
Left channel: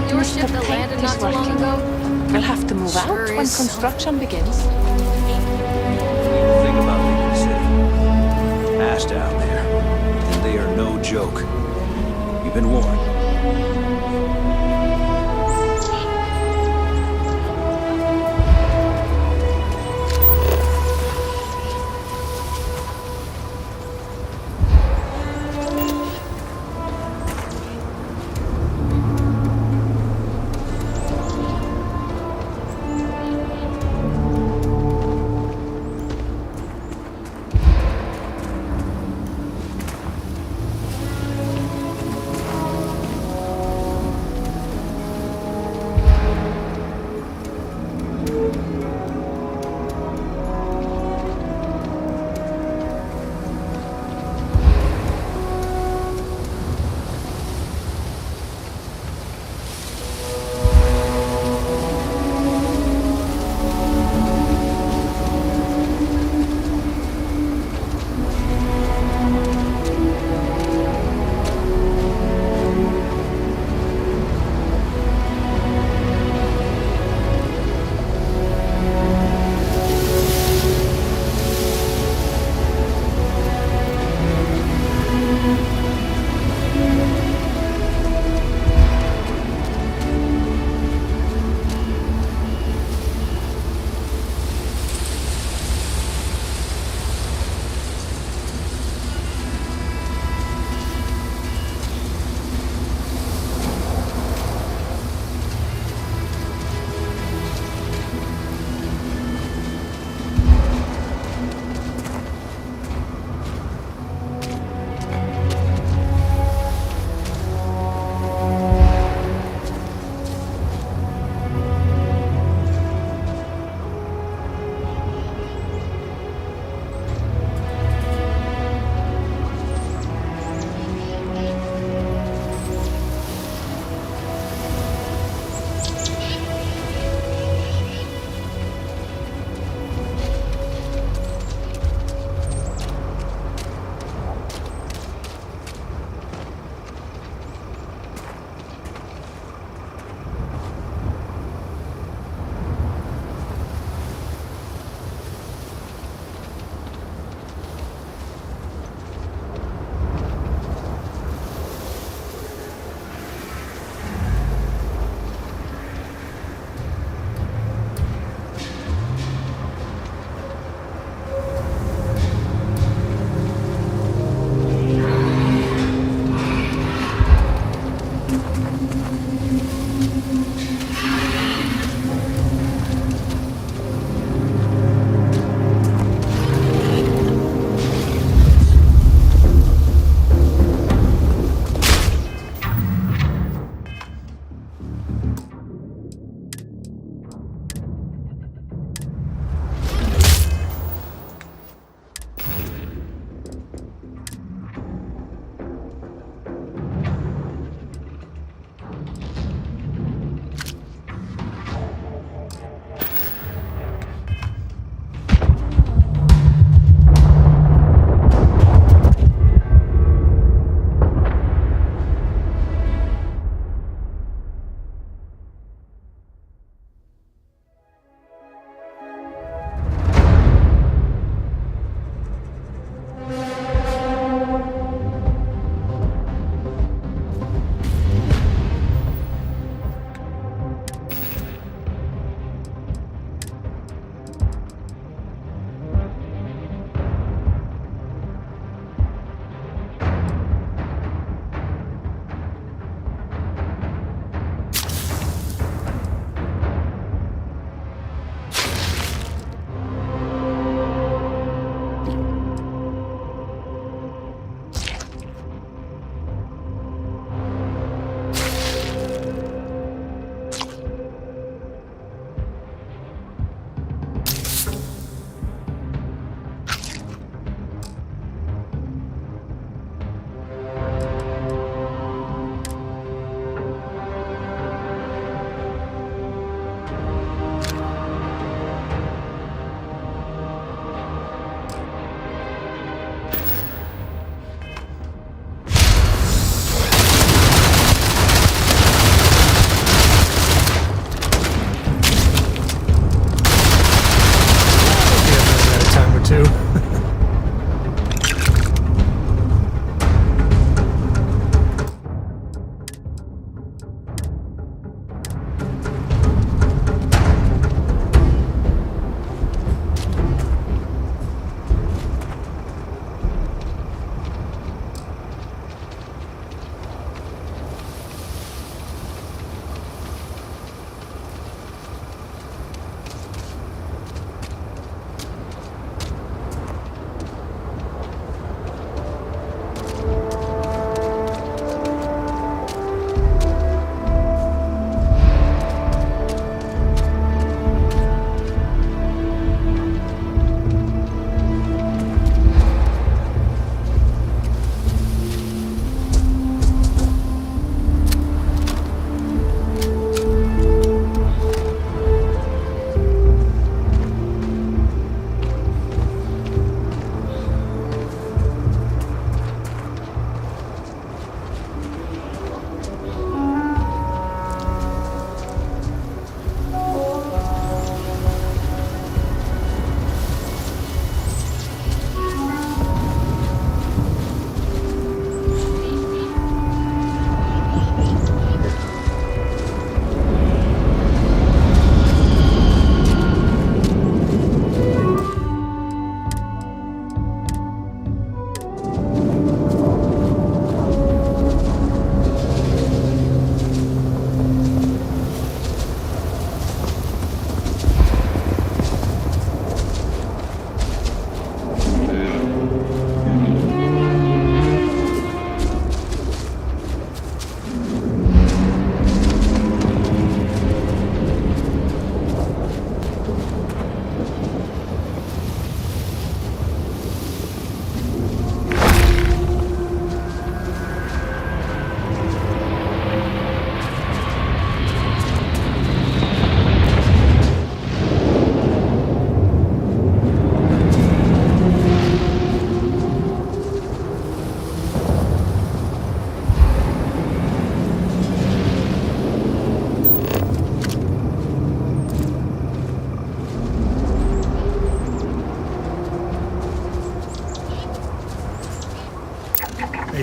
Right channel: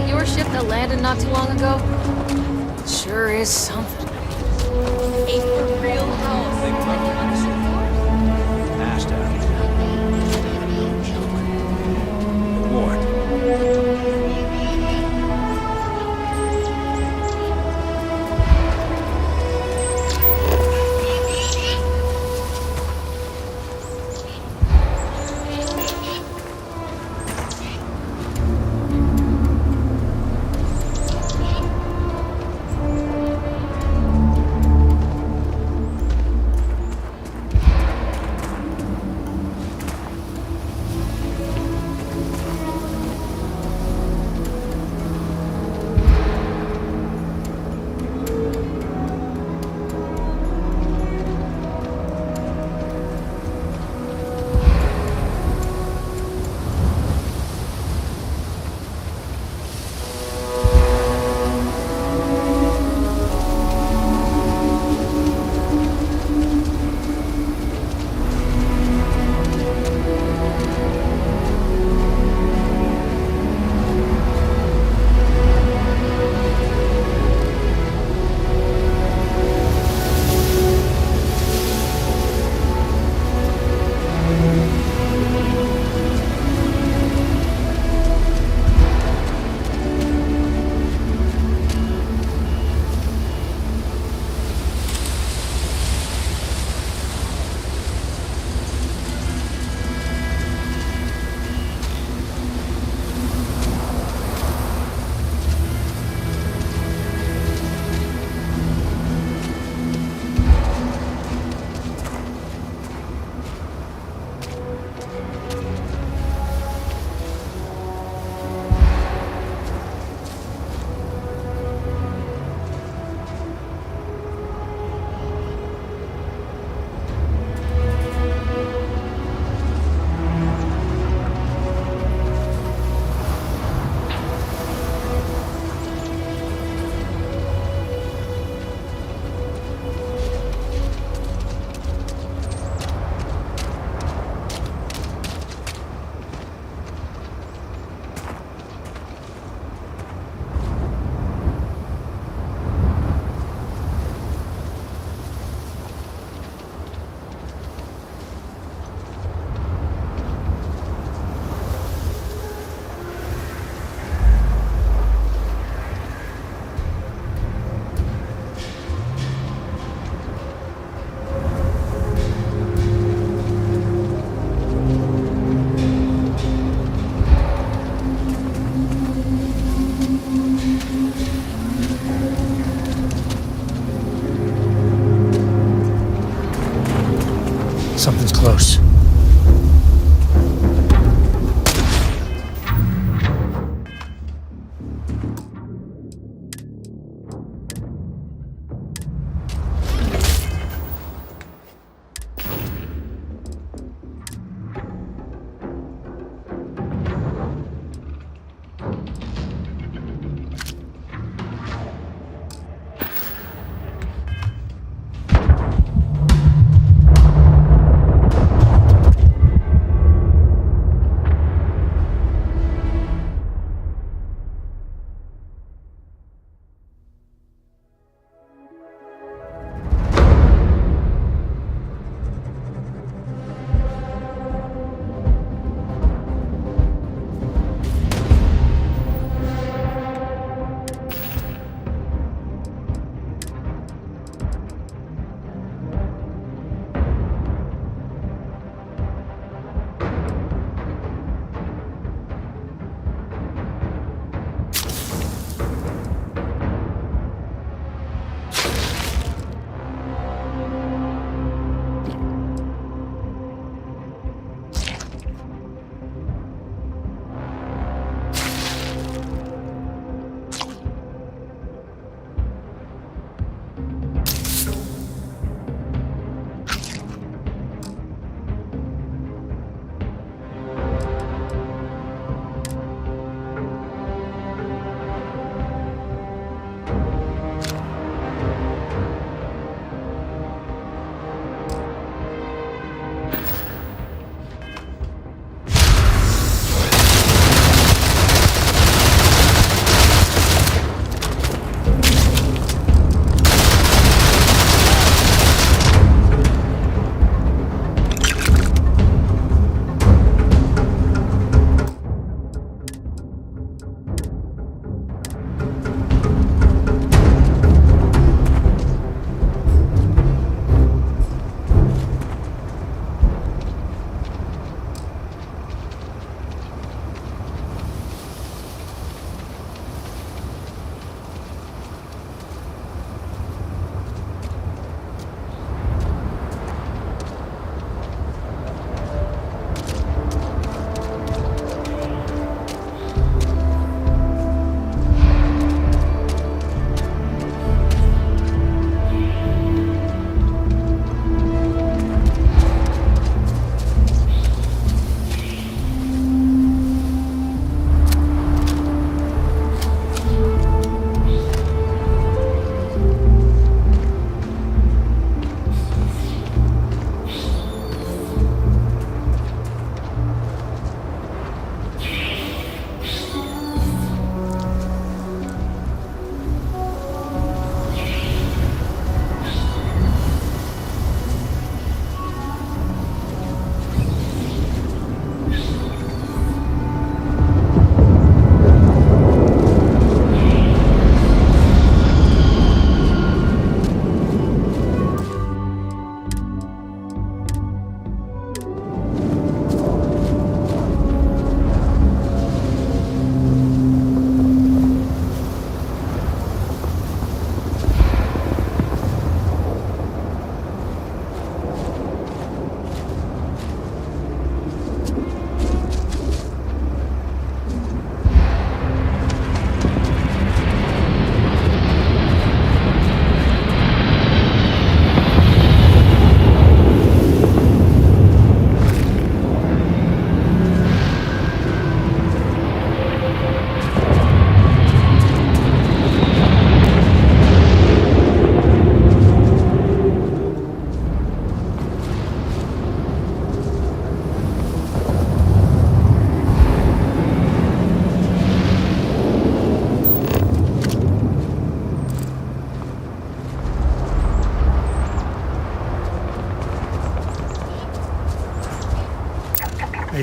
Your ship that landed not too long ago? We'll have to move Sure out when is construction begins. Ain't for real, though. Think about leaving the city. Ash down there. They are no joke. You've been warned.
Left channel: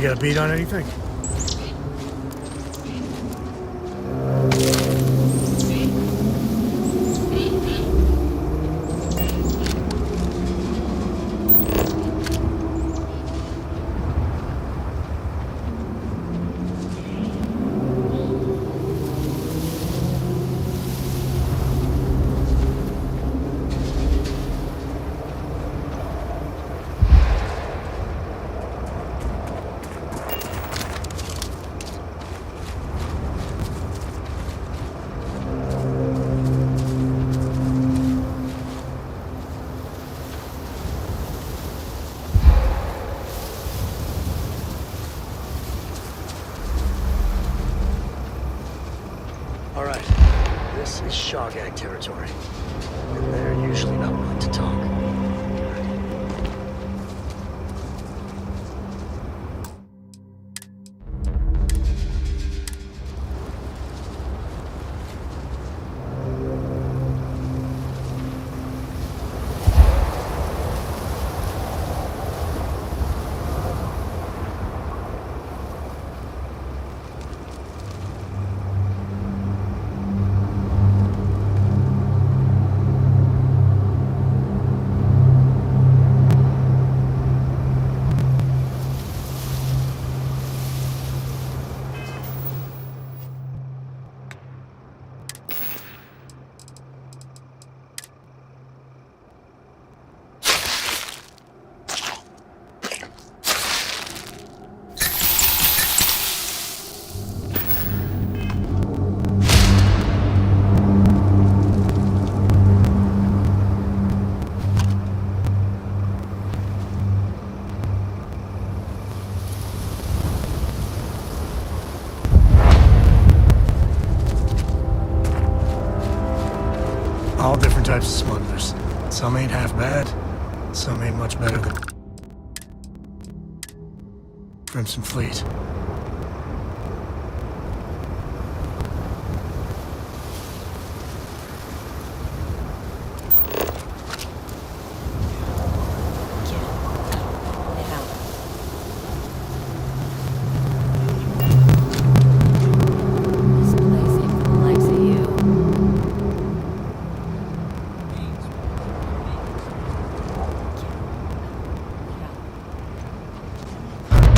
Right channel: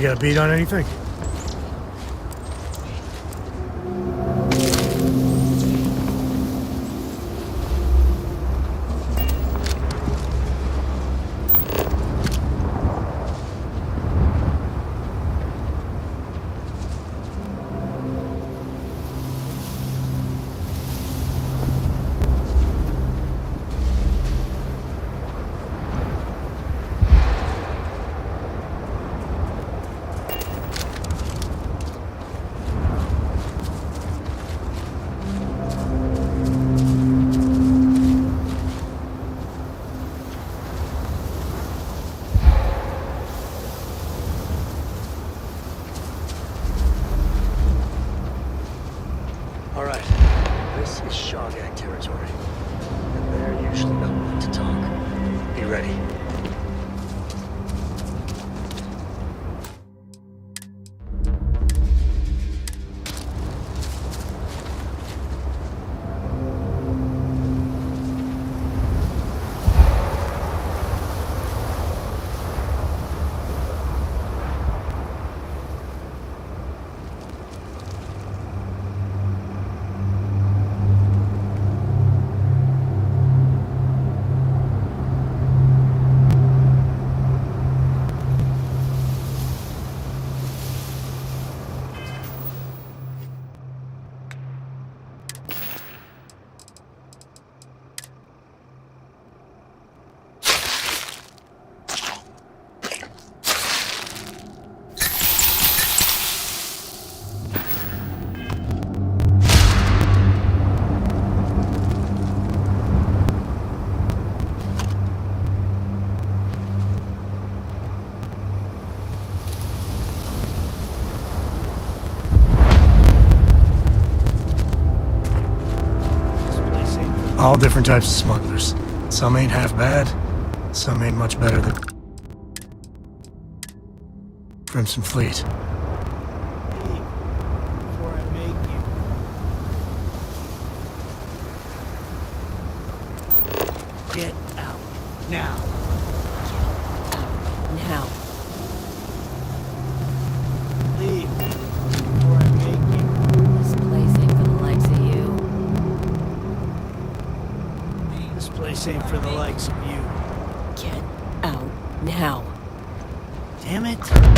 got a beat on anything? Alright, this is Shaw Gang territory, and they're usually not willing to talk. Be ready. All different types of smugglers. Some ain't half bad, some ain't much better than Crimson Fleet. Get out now. Get out now. Leave before I make you. This place ain't for the likes of you. This place ain't for the likes of you. Get out now. Damn it.